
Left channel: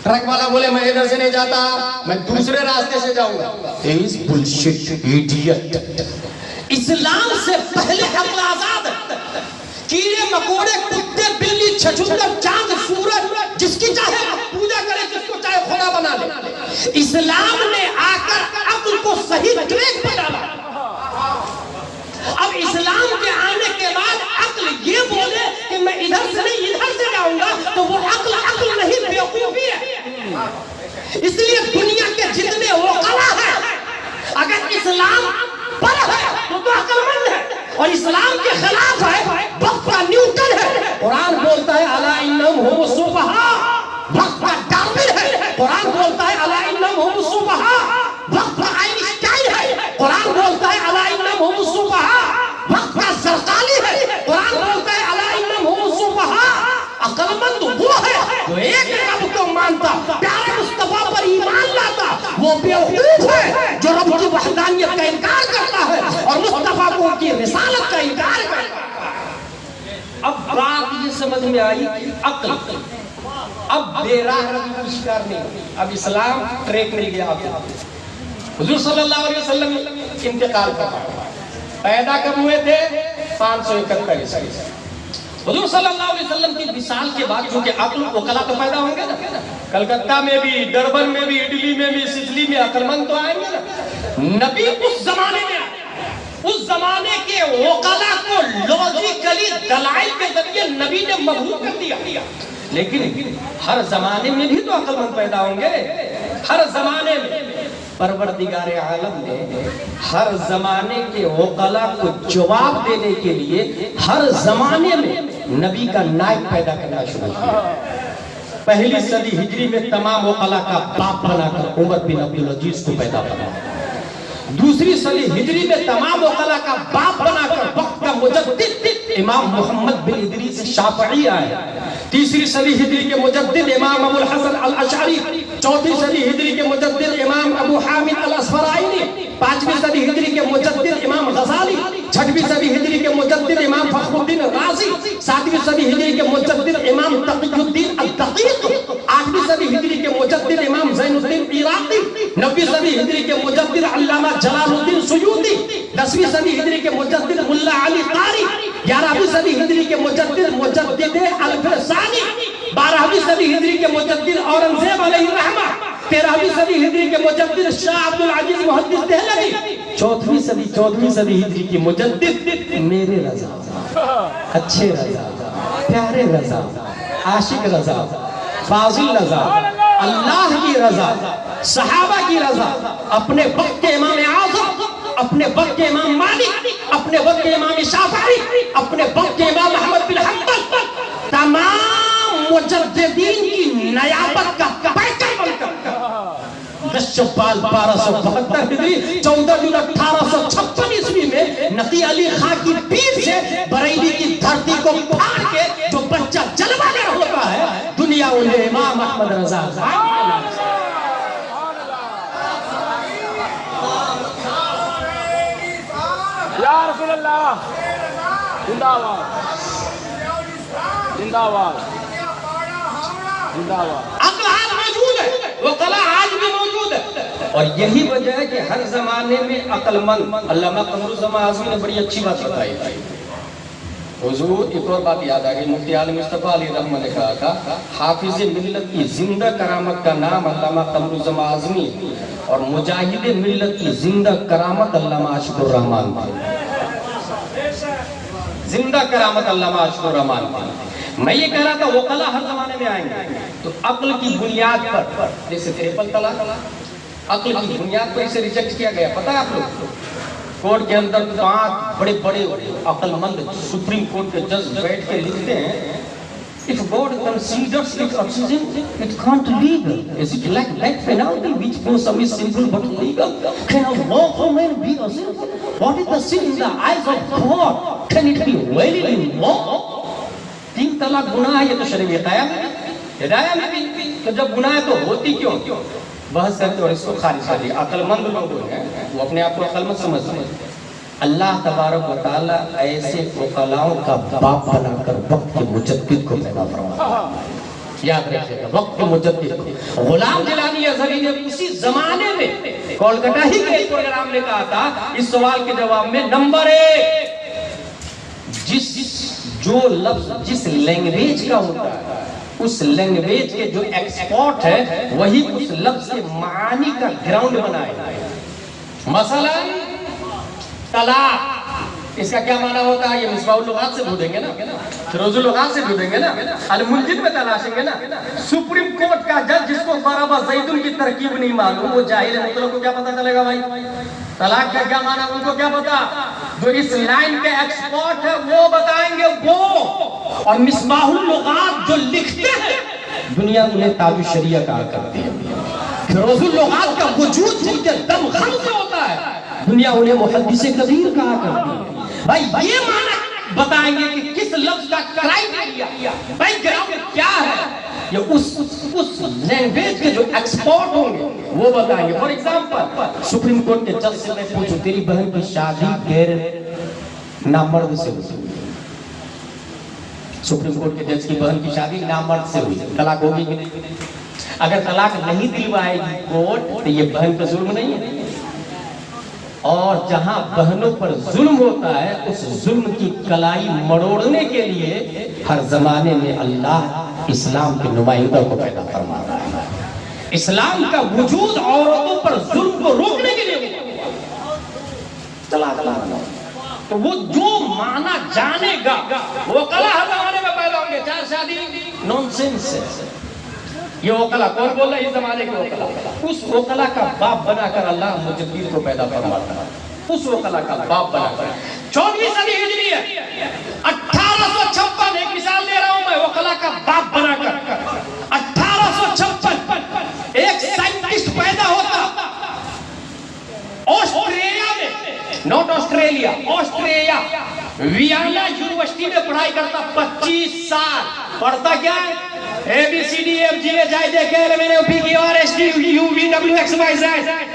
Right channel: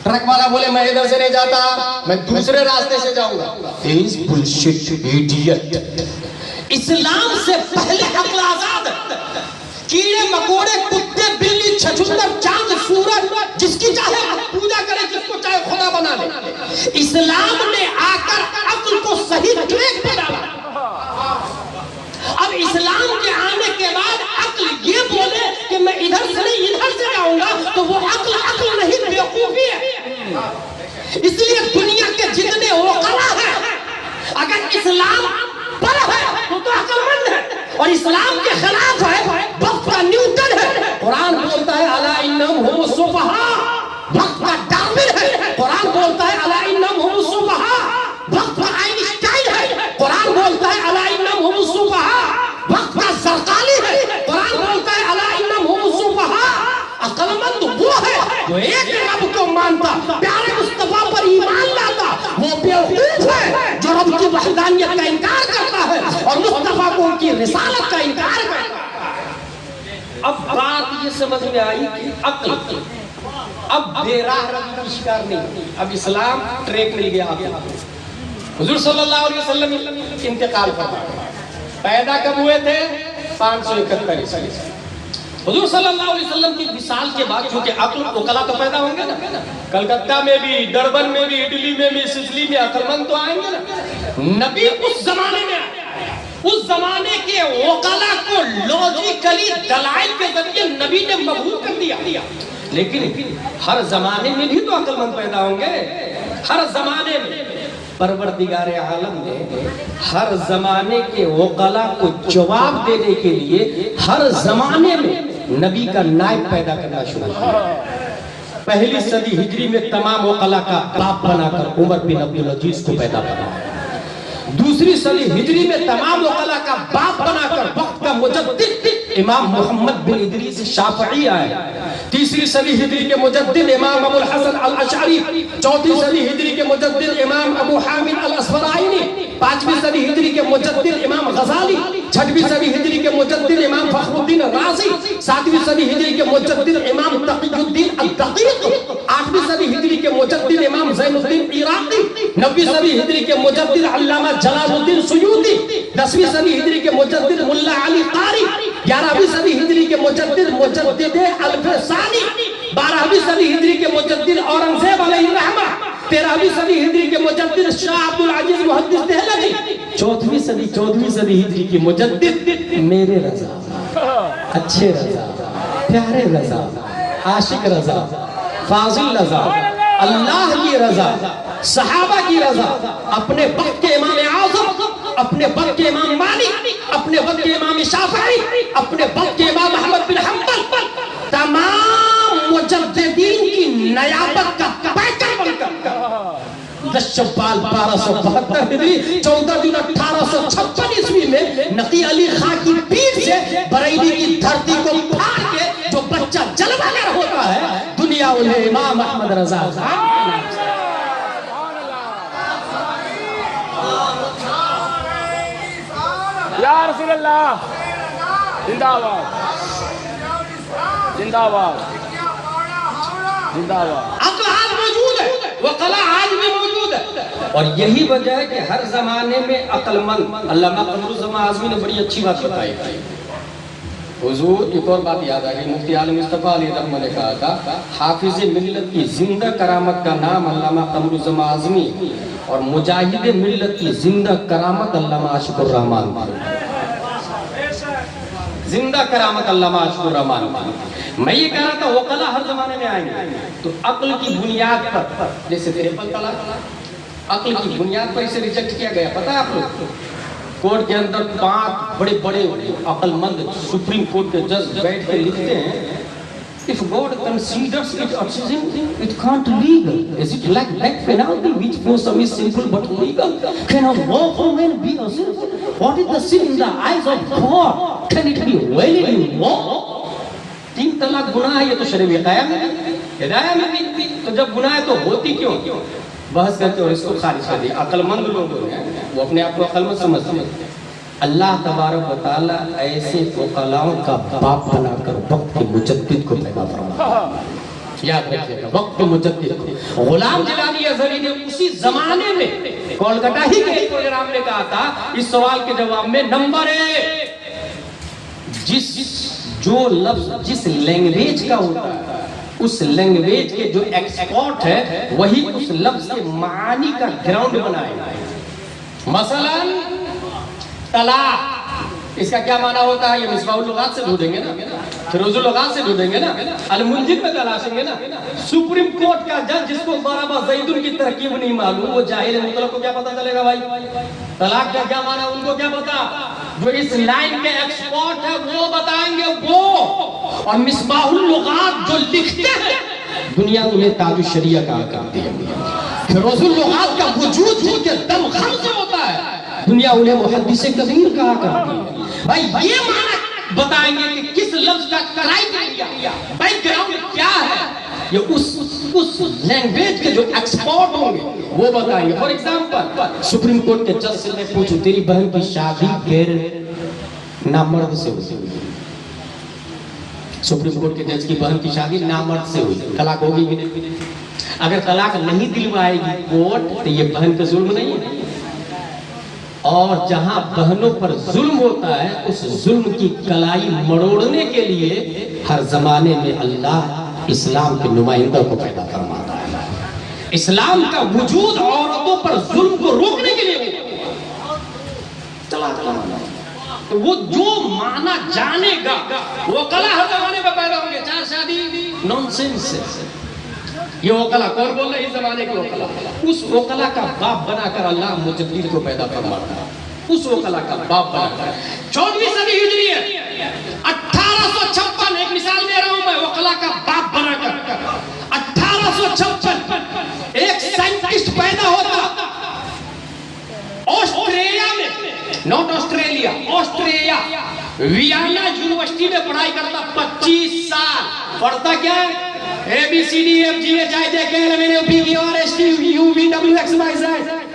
ٹرک والا بولے میں ادھر سے نہیں جاتا, میں دوسرے راستے سے جاؤں گا, ہی از بلشٹ ایڈیٹ. اسلام سے پہلے عقل آزاد ہے. کیڑے مکوڑے کتے بلی چھچھندر چاند سورج جس کی چاہے پوجا کرے, جس کو چاہے خدا بنا لے. اسلام نے آ کر عقل کو صحیح ٹریک پہ ڈالا. اب اسلام کے آنے کے بعد عقل یہ بولے کہ میں ادھر سے نہیں ادھر سے جاؤں گا تو وہ عقل نہیں بیوقوفی ہے. اس لیے دنیا کے جتنے وکلا ہیں اگر اسلام پر ہے تو عقل مند ہے, اور اسلام کے خلاف ہے وقت کا نیوٹن ہے. قرآن بولتا ہے الا انہم هم السفہاء, وقت کا ڈارون ہے. قرآن بولتا ہے الا انہم هم السفہاء, وقت کا آئنسٹائن ہے. قرآن بولتا ہے الا انہم هم السفہاء, وقت کا زرقانی ہے. قرآن بولتا ہے الا انہم هم السفہاء. عقل مند وہ ہے جو ایک رب کو مانتا, پیارے مصطفیٰ پر ایمان لاتا. وہ بیوقوف ہے جو رب کی وحدانیت کا انکار کرتا ہے اور مصطفیٰ کو ان کی رسالت کا انکار کرتا ہے. اب بات یہ سمجھ میں آئی کہ عقل اب بے راہ روی کا شکار نہیں. اب اسلام ٹریک مل گیا. حضور صلی اللہ علیہ وسلم انتقال فرمایا. پیدا کب ہوئے تھے؟ 571 عیسوی. حضور صلی اللہ علیہ وسلم کی وصال کے بعد چونکہ عقل عقلا تو پیدا ہوں گے نا, کلکتہ میں بھی, ڈربن میں بھی, اٹلی میں بھی, سچلی میں عقل مند تو آئیں گے نا. نبی اس زمانے میں اس زمانے کے عقلا کو لوجیکلی دلائل کے ذریعے نبی نے مبہوت کر دیا. لیکن ہر زمانے میں بھی تو عقل مند پیدا ہوں گے. ہر زمانے میں پروردگار عالم نے ہر زمانے کے عقلا کو جواب دینے کے لیے ہر زمانے میں نبی کا نائب پیدا کرنا شروع کیا. پہلی صدی ہجری میں تمام عقلا کا باپ بنا کر عمر بن عبد العزیز کو پیدا کرا. دوسری صدی ہجری میں تمام عقلا کا باپ بنا کر وقت کا مجدد امام محمد بن ادریس شافعی آئے. تیسری صدی ہجری کے مجدد امام ابو الحسن الاشعری. چوتھی صدی ہجری کے مجدد امام ابو حامد الاسفرائینی. پانچویں صدی ہجری کے مجدد امام غزالی. چھٹویں صدی ہجری کے مجدد امام فخر الدین رازی. ساتویں صدی ہجری کے مجدد امام تقی الدین الدقیق. آٹھویں صدی ہجری کے مجدد امام زین الدین عراقی. نویں صدی ہجری کے مجدد علامہ جلال الدین سیوطی. 10ویں صدی ہجری کے مجدد ملا علی قاری. 11ویں صدی ہجری کے مجدد الفسانی. 12ویں صدی ہجری کے مجدد اورنگزیب علیہ الرحمہ. 13ویں صدی ہجری کے مجدد شاہ عبد العزیز محدث دہلوی. 14ویں صدی ہجری کے مجدد میرے رضا, اچھے رضا, پیارے رضا, عاشق رضا, فاضل رضا, اللہ کی رضا, صحابہ کی رضا, اپنے وقت کے امام اعظم, اپنے وقت کے امام مالک, اپنے وقت کے امام شافعی, اپنے وقت کے امام احمد بن حنبل, تمام مجددین کی نیابت کا پیکر بن کر 10 شوال 1272 ہجری 14 جون 1856 عیسوی میں نقی علی خان کی پیٹھ سے بریلی کی دھرتی کو پھاڑ کے جو بچہ جلوہ گر ہوتا ہے, دنیا انہیں امام احمد رضا یا رسول اللہ زندہ باد, زندہ باد, زندہ باد. عقل آج موجود ہے, وقلا آج بھی موجود ہے, اور یہی وجہ ہے کہ ہر زمانے میں عقل مند، علامہ قمر الزمان اعظمی نے بڑی اچھی بات بتائی تھی. حضور ایک اور بات یاد آ گئی، مفتی عالم مصطفیٰ علیہ الرحمہ نے کہا تھا حافظ ملت کی زندہ کرامت کا نام علامہ قمر الزمان اعظمی اور مجاہد ملت کی زندہ کرامت علامہ عاشق الرحمان. زندہ کرامت علامہ عاشق الرحمان. میں یہ کہہ رہا تھا وکلا ہر زمانے میں آئیں گے تو عقل کی بنیاد پر، جیسے ٹرپل طلاق عقل کی بنیاد پر اسے ریجیکٹ کیا گیا. پتہ ہے آپ لوگ کورٹ کے اندر 5 بڑے بڑے عقل مند سپریم کورٹ کے جج بیٹھ کے لکھتے ہیں if God considers it oxygen it can't legal. Is it like black penalty which for some is simple but legal? Can a lawful man be a sin? What is the sin in the eyes of God? Can it be really law? 3 طلاق گناہ ہے، یہ تو شرع ہدایہ میں ہدایہ میں بھی، تو جب گناہ ہے تو ہوتی کیوں؟ بحث کرتے اور اس کو خارج کر دیا. عقل مند لوگ ہیں وہ اپنے آپ کو عقل مند سمجھتے ہیں. اللہ تبارک و تعالیٰ ایسے فقہاؤں کا باپ بنا کر وقت کے مجدد کو پیدا فرمایا. یاد رکھیے گا، وقت کے مجدد کو. غلام جیلانی ازہری نے اسی زمانے میں کولکتہ ہی کے ایک پروگرام میں کہا تھا اس سوال کے جواب میں نمبر 1 جو لفظ جس لینگویج کا ہوتا ہے اس لینگویج کے جو ایکسپورٹ ہے وہی اس لفظ کے معانی کا گراؤنڈ بنائے. مثلا طلاق، اس کا کیا معنی ہوتا ہے؟ یہ مصباح اللغات سے ڈھونڈیں گے نا، فیروز اللغات سے ڈھونڈیں گے نا، المنجد میں تلاشیں گے نا. سپریم کورٹ کا جج جس کو ضرب زید کی ترکیب نہیں معلوم وہ جاہل ہے، مطلب کو کیا پتہ چلے گا بھائی طلاق کا کیا معنی ان کو کیا پتا؟ جو اس لائن کے ایکسپورٹ ہے وہ بتائیں گے وہ. اور مصباح اللغات جو لکھتے ہیں دنیا میں تاج الشریعہ کہا کرتی ہے. فیروز اللغات کا وجود جن کے دم خم سے ہوتا ہے دنیا انہیں محدث کبیر کہا کرتی ہے. بھائی یہ معنی بتائیں گے کہ کس لفظ کا کرائیٹیریا بیک گراؤنڈ کیا ہے، یہ اس لینگویج کے جو ایکسپورٹ ہوں گے وہ بتائیں گے. فار ایگزامپل سپریم کورٹ کے جج سے میں پوچھوں تیری بہن کی شادی غیر نامرد سے ہوئی، سپریم کورٹ کے جج کی بہن کی شادی نامرد سے ہوئی، طلاق ہوگی بھی نہیں؟ اگر طلاق نہیں دلوائے گی کورٹ تو یہ بہن کا ظلم نہیں ہے. اور جہاں بہنوں پر ظلم ہوتا ہے اس ظلم کی کلائی مروڑنے کے لیے ہر زمانے میں اللہ اسلام کے نمائندہ کو پیدا فرماتا ہے. اسلام کا وجود عورتوں پر ظلم کو روکنے کے لیے تو وہ جو معنی جانے گا وہ کلا ہر زمانے میں پیدا ہوں گے. 4 شادی نون سینس ہے. یہ وکلا کون بول رہا ہے؟ اس زمانے کے وکلا. اس وکلا کا باپ بنا کر اللہ مجدد کو پیدا فرماتا ہے. اس وکلا کا باپ بنا کر 14ویں صدی ہجری ہے 1856 ایک مثال دے رہا ہوں میں وکلا کا باپ بنا کر 1856 ایک سائنٹسٹ پیدا ہوتا آسٹریلیا میں، not Australia, Australia Vienna university میں پڑھائی کرتا. 25 سال پڑھتا کیا ہے؟ ABCDFGH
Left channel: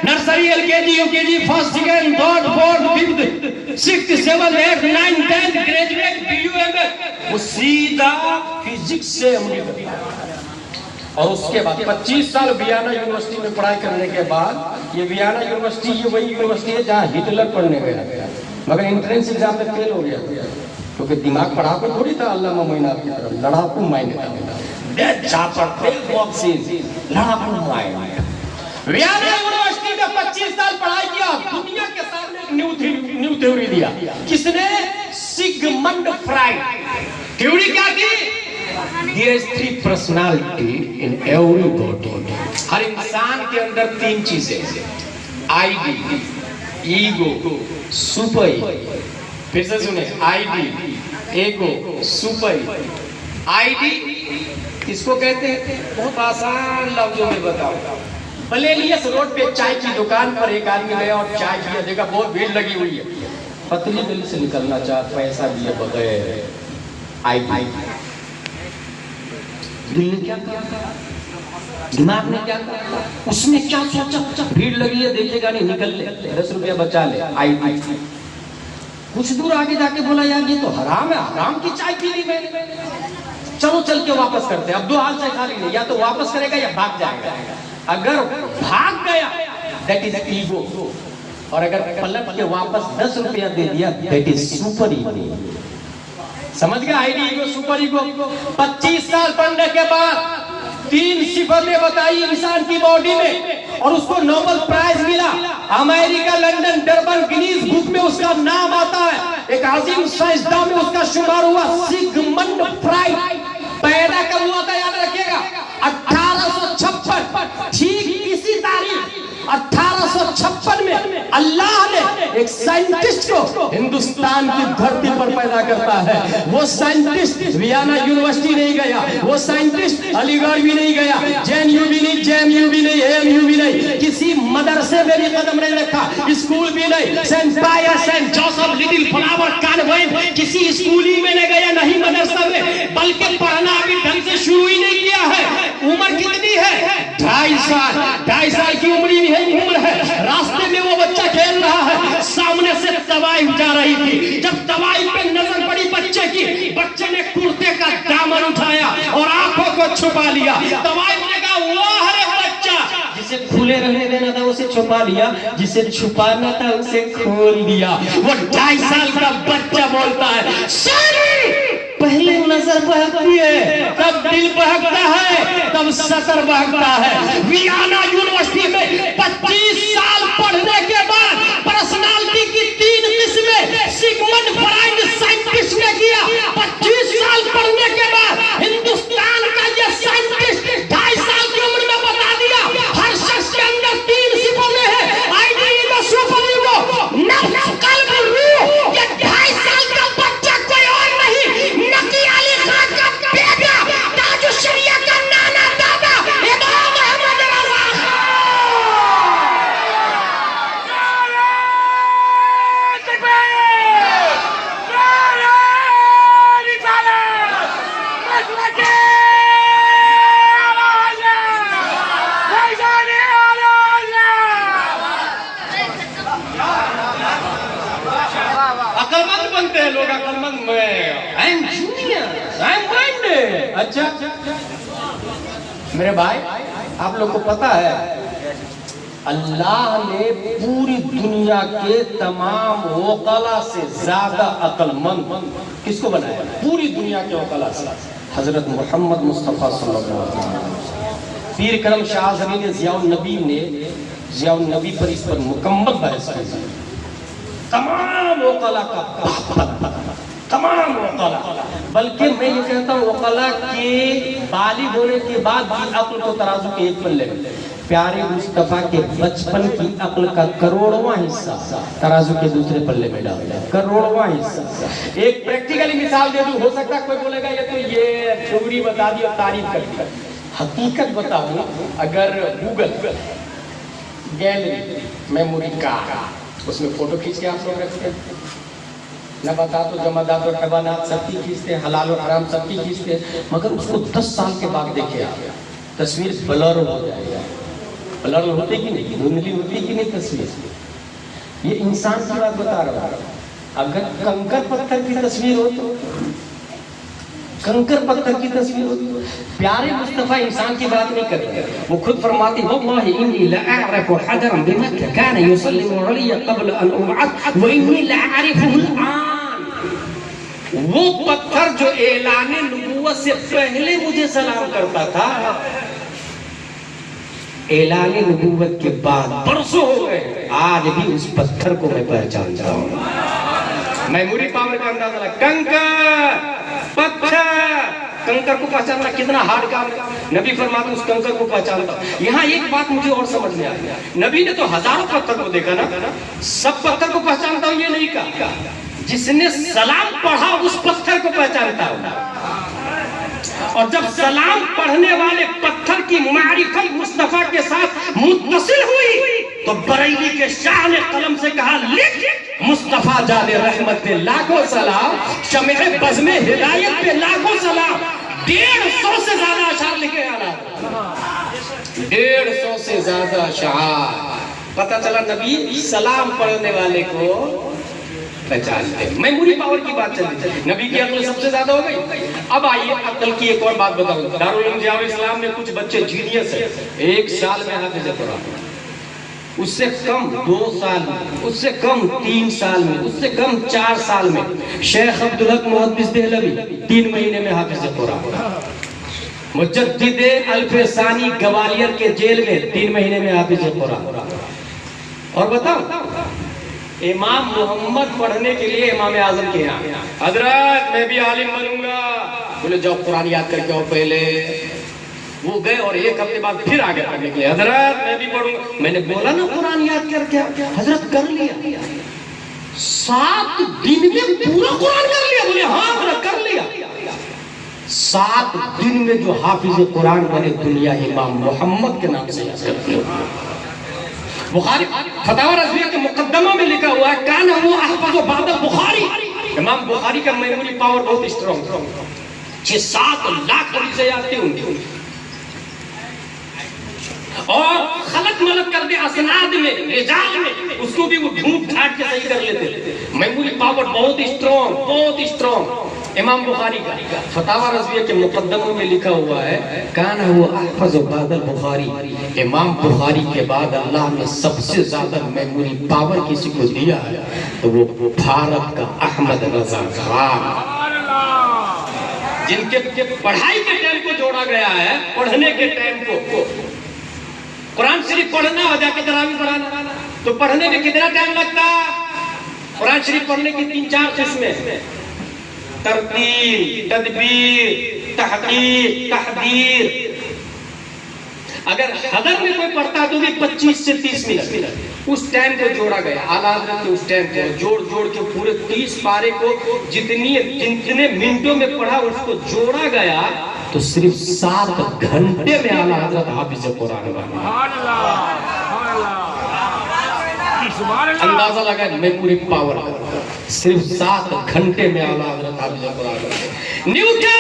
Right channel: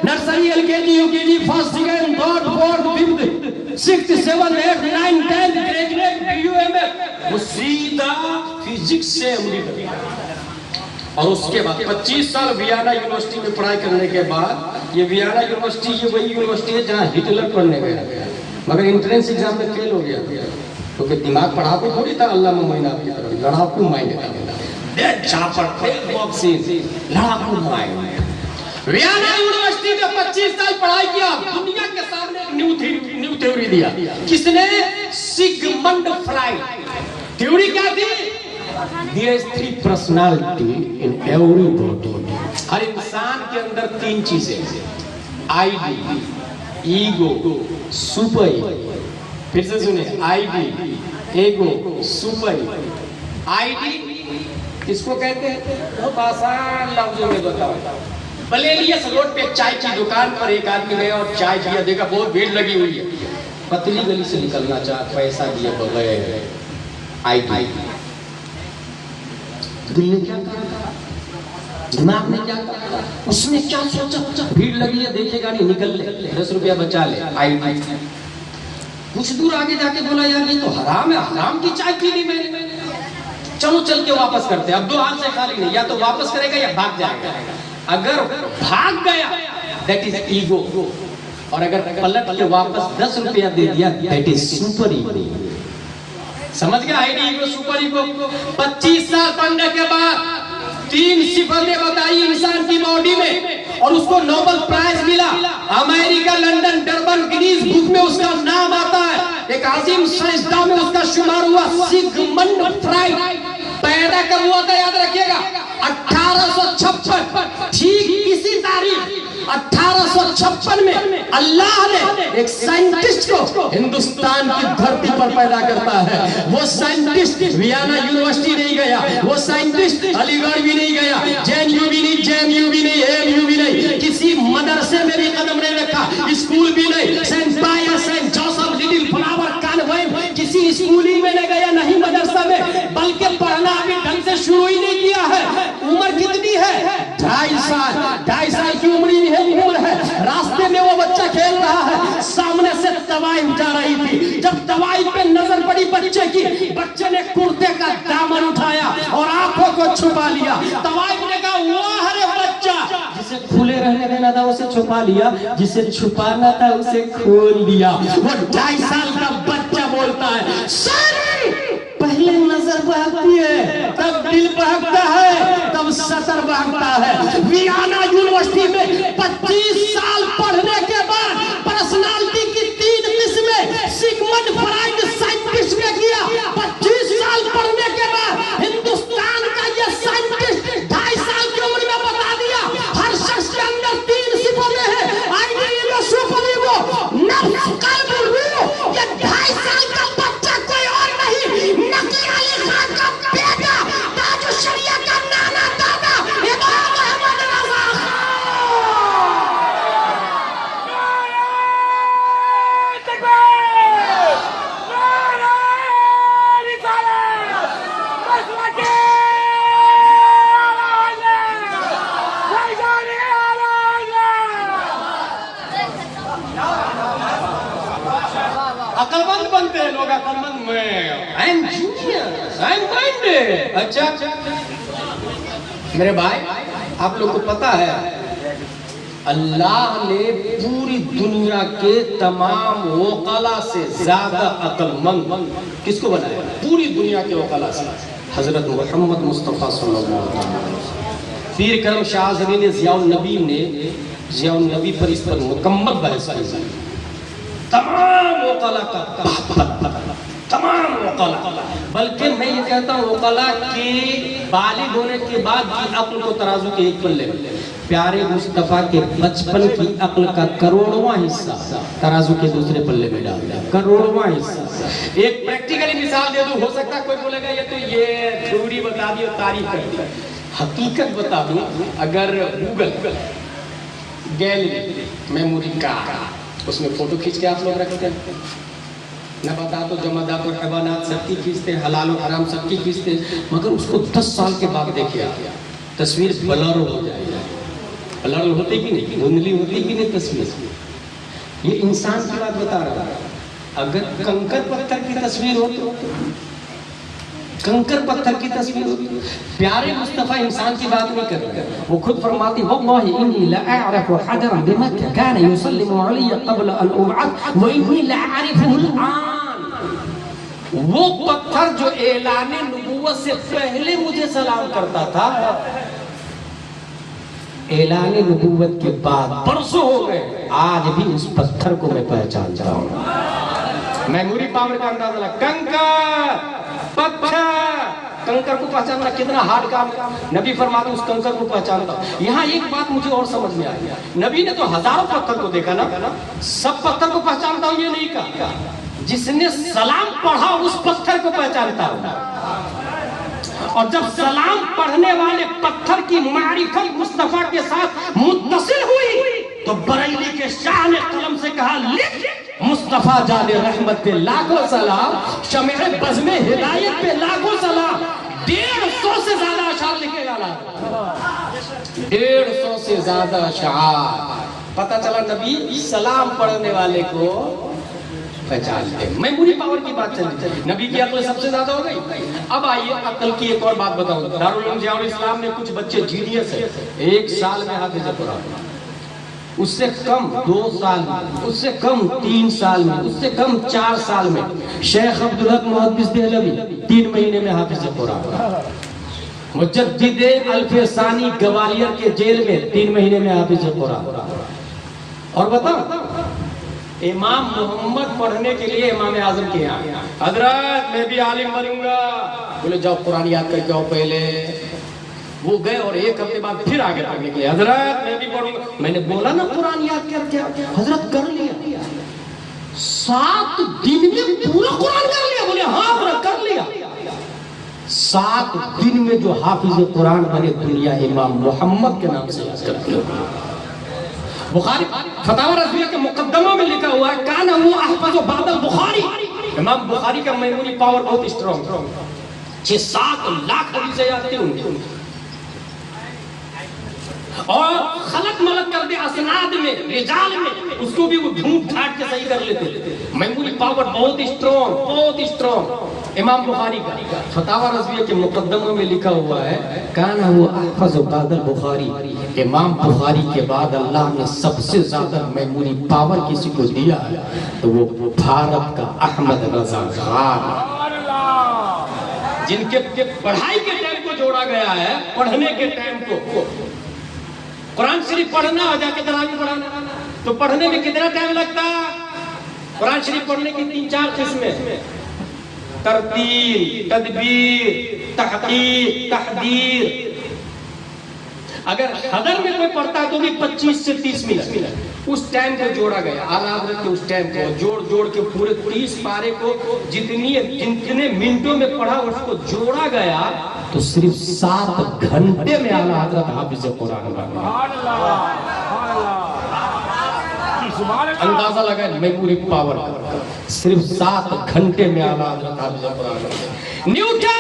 nursery LKG UKG first second third fourth fifth sixth seventh eighth ninth tenth graduate BUM وہ سیدھا فزکس سے اور اس کے بعد 25 سال ویانا یونیورسٹی میں پڑھائی کرنے کے بعد یہ ویانا یونیورسٹی یہ وہی یونیورسٹی ہے جہاں ہٹلر پڑھنے گیا مگر انٹرنس ایگزام میں فیل ہو گیا کیونکہ دماغ پڑھاکو تھوڑی تھا. علامہ معین آپ کی طرف لڑاکو مائنڈ تھا. ویانا یونیورسٹی میں 25 سال پڑھائی کیا، دنیا کے سامنے ایک نیو تھیوری دیا. کس نے؟ Sigmund fried. تھیوری کیا تھی؟ There is 3 personality in everybody. ہر انسان کے اندر 3 چیزیں ہیں: آئی ڈی، ایگو، سپر. پھر سے سنیں، I D, ego, super. I D کس کو کہتے ہیں؟ بہت آسان لفظوں میں بتاؤ. بلیلیس روڈ پہ چائے کی دکان پر ایک آدمی گیا اور چائے پیا، دیکھا بہت بھیڑ لگی ہوئی ہے، پتلی گلی سے نکلنا چاہتا، پیسہ دیا بغیر. I D. دل نے کیا کہا؟ دماغ نے کیا کہا؟ اس نے کیا سوچا؟ بھیڑ لگی ہے دیکھے گا نہیں، نکل لے 10 روپیہ بچا لے. I D. کچھ دور آگے جا کے بولا یار یہ تو حرام ہے، حرام کی چائے پی لی میں نے، چلو چل کے واپس کرتے ہیں. اب 2 حال سے خالی نہیں، یا تو واپس کرے گا یا بھاگ جائے گا. اگر بھاگ گیا that is ego. اور اگر پلٹ کے واپس 10 روپیہ دے دیا that is super ego. سمجھ گیا آئیڈی ایگو سپر ایگو. 25 سال پڑھنے کے بعد 3 صفتیں بتائی انسان کی باڈی میں اور اس کو نوبل پرائز ملا. امریکہ، لنڈن، ڈربن، گنیز بک میں اس کا نام آتا ہے. ایک عظیم سائنسداں میں اس کا شمار ہوا. سیگمنڈ فرائڈ پیدا کب ہوا تھا یاد رکھیے گا 1856. ٹھیک اسی تاریخ 1856 میں اللہ نے ایک سائنٹسٹ کو ہندوستان کی دھرتی پر پیدا کرتا ہے. وہ سائنٹسٹ ویانا یونیورسٹی نہیں گیا, وہ سائنٹسٹ علی گڑھ بھی نہیں گیا, جے این یو بھی نہیں, اے ایم یو بھی نہیں, کسی مدرسے میں بھی قدم نہیں رکھا, اسکول بھی نہیں, سینٹ پائر, saint Joseph, little flower convent, کسی اسکولی میں نہیں گیا, نہیں مدرسہ میں, بلکہ پڑھنا ابھی ڈھنگ سے شروع ہی نہیں کیا ہے. عمر کتنی ہے؟ 2.5 سال کی عمر ہے. راستے میں وہ بچہ کھیل رہا ہے, سامنے سے دوائی جا رہی تھی. جب دوائی پہ نظر پڑی بچے کی, بچے نے کرتے کا دامن اٹھایا اور آنکھوں کو چھپا لیا. دوائی نے کہا واہ رے بچہ, جسے کھلے رہنے دینا تھا اسے چھپا لیا, جسے چھپانا تھا اسے کھول دیا. وہ 2.5 سال کا بچہ بولتا ہے پہلے نظر بہکتی ہے, تب دل بہکتا ہے, تب سطر بہکتا ہے. ویانا یونیورسٹی میں 25 سال پڑھنے کے بعد پرسنالٹی کی 3 قسمیں سیگمنڈ فرائڈ سائنٹسٹ نے کیا. 25 سال پڑھنے کے بعد ہندوستان کا یہ سائنٹسٹ 2.5 سال کی عمر میں بتا دیا ہر شخص کے اندر 3 صفتیں ہیں. آئیڈی ایگو, سپر ایگو, نفس, قلب, روح. یہ 2.5 سال کا بچہ کوئی اور نہیں, نقی علی خان کا بیٹا, تاج الشریعہ کا نانا دادا امام محمد رضا عقلمند بنتے ہیں لوگ, عقلمند. میں اچھا میرے بھائی, آپ لوگ کو پتا ہے اللہ نے پوری دنیا کے تمام وکلا سے زیادہ عقل مند کس کو بنایا؟ پوری دنیا کے وکلا سے حضرت محمد مصطفیٰ صلی اللہ علیہ وسلم. پیر کرم شاہ زمین ضیاء النبی پر اس پر مکمل بحث ہے. تمام وکلا کا تمام وکلا, بلکہ میں یہ کہتا ہوں وکلا کے بالغ ہونے کے بعد بھی عقل کو ترازو کے ایک پلے, پیارے مصطفیٰ کے بچپن کی عقل کا کروڑواں حصہ ترازو کے دوسرے پلے میں ڈال دیا. کروڑواں حصہ. ایک پریکٹیکلی مثال دے دوں, ہو سکتا ہے کوئی بولے گا یہ تو یہ تھیوری بتا دی اور تعریف کر دی. حقیقت بتا دوں, اگر گوگل گیلری میموری کارڈ اس میں فوٹو کھینچ کے آپ لوگ رکھتے ہیں, نباتات و جمادات و حیوانات سب کی کھینچتے ہیں, حلال و حرام سب کی کھینچتے ہیں, مگر اس کو 10 سال کے بعد دیکھے آپ تصویر بلر ہو جائے گا. بلر ہوتی کہ نہیں, دھندلی ہوتی کہ نہیں تصویر. یہ انسان کی بات بتا رہا ہوں. اگر کنکر پتھر کی تصویر ہو تو کنکر پتھر کی تصویر ہوتی. پیارے مصطفیٰ انسان کی بات نہیں کر رہے, وہ خود فرماتے ہیں واللہ انی لأعرف حجرا بمکہ کان یسلم علی قبل ان ابعث وانی لأعرفه الآن. وہ پتھر جو اعلان نبوت سے پہلے مجھے سلام کرتا تھا, اعلان نبوت کے بعد برسوں ہو گئے, آج بھی اس پتھر کو میں پہچانتا ہوں. میموری پاور کا اندازہ لگا. کنکر پتھر, کنکر کو پہچاننا کتنا ہارڈ کام. نبی فرماتے اس کنکر کو پہچانتا ہوں. یہاں ایک بات مجھے اور سمجھ میں آئی, نبی نے تو ہزاروں پتھر کو دیکھا نا, سب پتھر کو پہچانتا ہوں یہ نہیں کہا. جس نے سلام پڑھا اس پتھر کو پہچانتا ہوں. اور جب سلام پڑھنے والے پتھر کی معرفت مصطفیٰ کے ساتھ متصل ہوئی تو بریلی کے شاہ نے قلم سے کہا لکھ مصطفیٰ جان رحمت پہ لاکھوں سلام, شمع بزم ہدایت پہ لاکھوں سلام. 150 سے زیادہ اشعار لکھے گا, 150 سے زیادہ اشعار. پتہ چلا نبی سلام پڑھنے والے کو پہچانتے. میموری پاور کی بات چل رہی ہے, نبی کی عقل سب سے زیادہ ہو گئی. اب آئیے عقل کی ایک اور بات بتاؤں. دارالعلوم ضیاء الاسلام میں کچھ بچے جینیس ہیں, 1 سال میں حافظ قرآن. اس سے کم 2 سال میں، اس سے کم 3 سال میں، اس سے کم 4 سال میں شیخ عبدالحق محدث دہلوی 3 مہینے میں حافظ قرآن، مجدد الف ثانی گوالیار کے جیل میں 3 مہینے میں حافظ قرآن۔ اور بتاؤ امام محمد پڑھنے کے لیے امام اعظم کے یہاں، حضرت میں بھی عالم بنوں گا، بولے جاؤ قرآن یاد کر کے آؤ پہلے۔ وہ گئے اور 1 ہفتے بعد پھر آگے پڑھنے کے لیے، حضرت میں بھی پڑھوں گا۔ میں نے بولا نا قرآن یاد کر کے آؤ، حضرت کر لیا 7 دن میں پورا قرآن کر لیا، بولے ہاں حضرت کر لیا۔ 7 دن میں جو حافظ قرآن بنے دنیا امام محمد کے نام سے یاد کرتے ہو۔ بخاری فتاوی رضویہ کے مقدمہ میں لکھا ہوا ہے کان هو احفظ بعد البخاری، امام بخاری کا میموری پاور بہت اسٹرانگ، 6-7 لاکھ حدیثیں یاد تھی ان کی، اور خلط ملط کر دے اسناد میں رجال میں اس کو بھی وہ ڈھونڈ ڈھاٹ کے صحیح کر لیتے تھے۔ میموری پاور بہت اسٹرانگ، بہت اسٹرانگ۔ امام بخاری کا فتاوی رضویہ کے مقدمہ میں لکھا ہوا ہے کان هو احفظ بعد البخاری، امام بخاری کے بعد اللہ نے سب سے زیادہ میموری پاور کسی کو دیا ہے تو وہ بھارت کا احمد رضا خان، جن کے پڑھائی کے ٹائم کو جوڑا گیا ہے، پڑھنے کے ٹائم کو۔ قرآن شریف پڑھنا اور جا کے تراویح پڑھانا، تو پڑھنے میں کتنا ٹائم لگتا؟ قرآن شریف پڑھنے کی 3-4 قسمیں: ترتیل، تدبیر، تحقیق، تحدیر۔ اگر حضر میں کوئی پڑھتا ہے تو بھی 25 سے 30 منٹ، اس ٹائم کو جوڑا گیا اعلیٰ حضرت کے اس ٹائم کو جوڑ کے پورے 30 پارے کو جتنے منٹوں میں پڑھا اس کو جوڑا گیا تو صرف 7 گھنٹے میں اعلیٰ حضرت حافظ قرآن بنے۔ اندازہ لگا میموری پاور، صرف 7 گھنٹے میں اعلیٰ حضرت حافظ قرآن بنے۔ نیوٹن،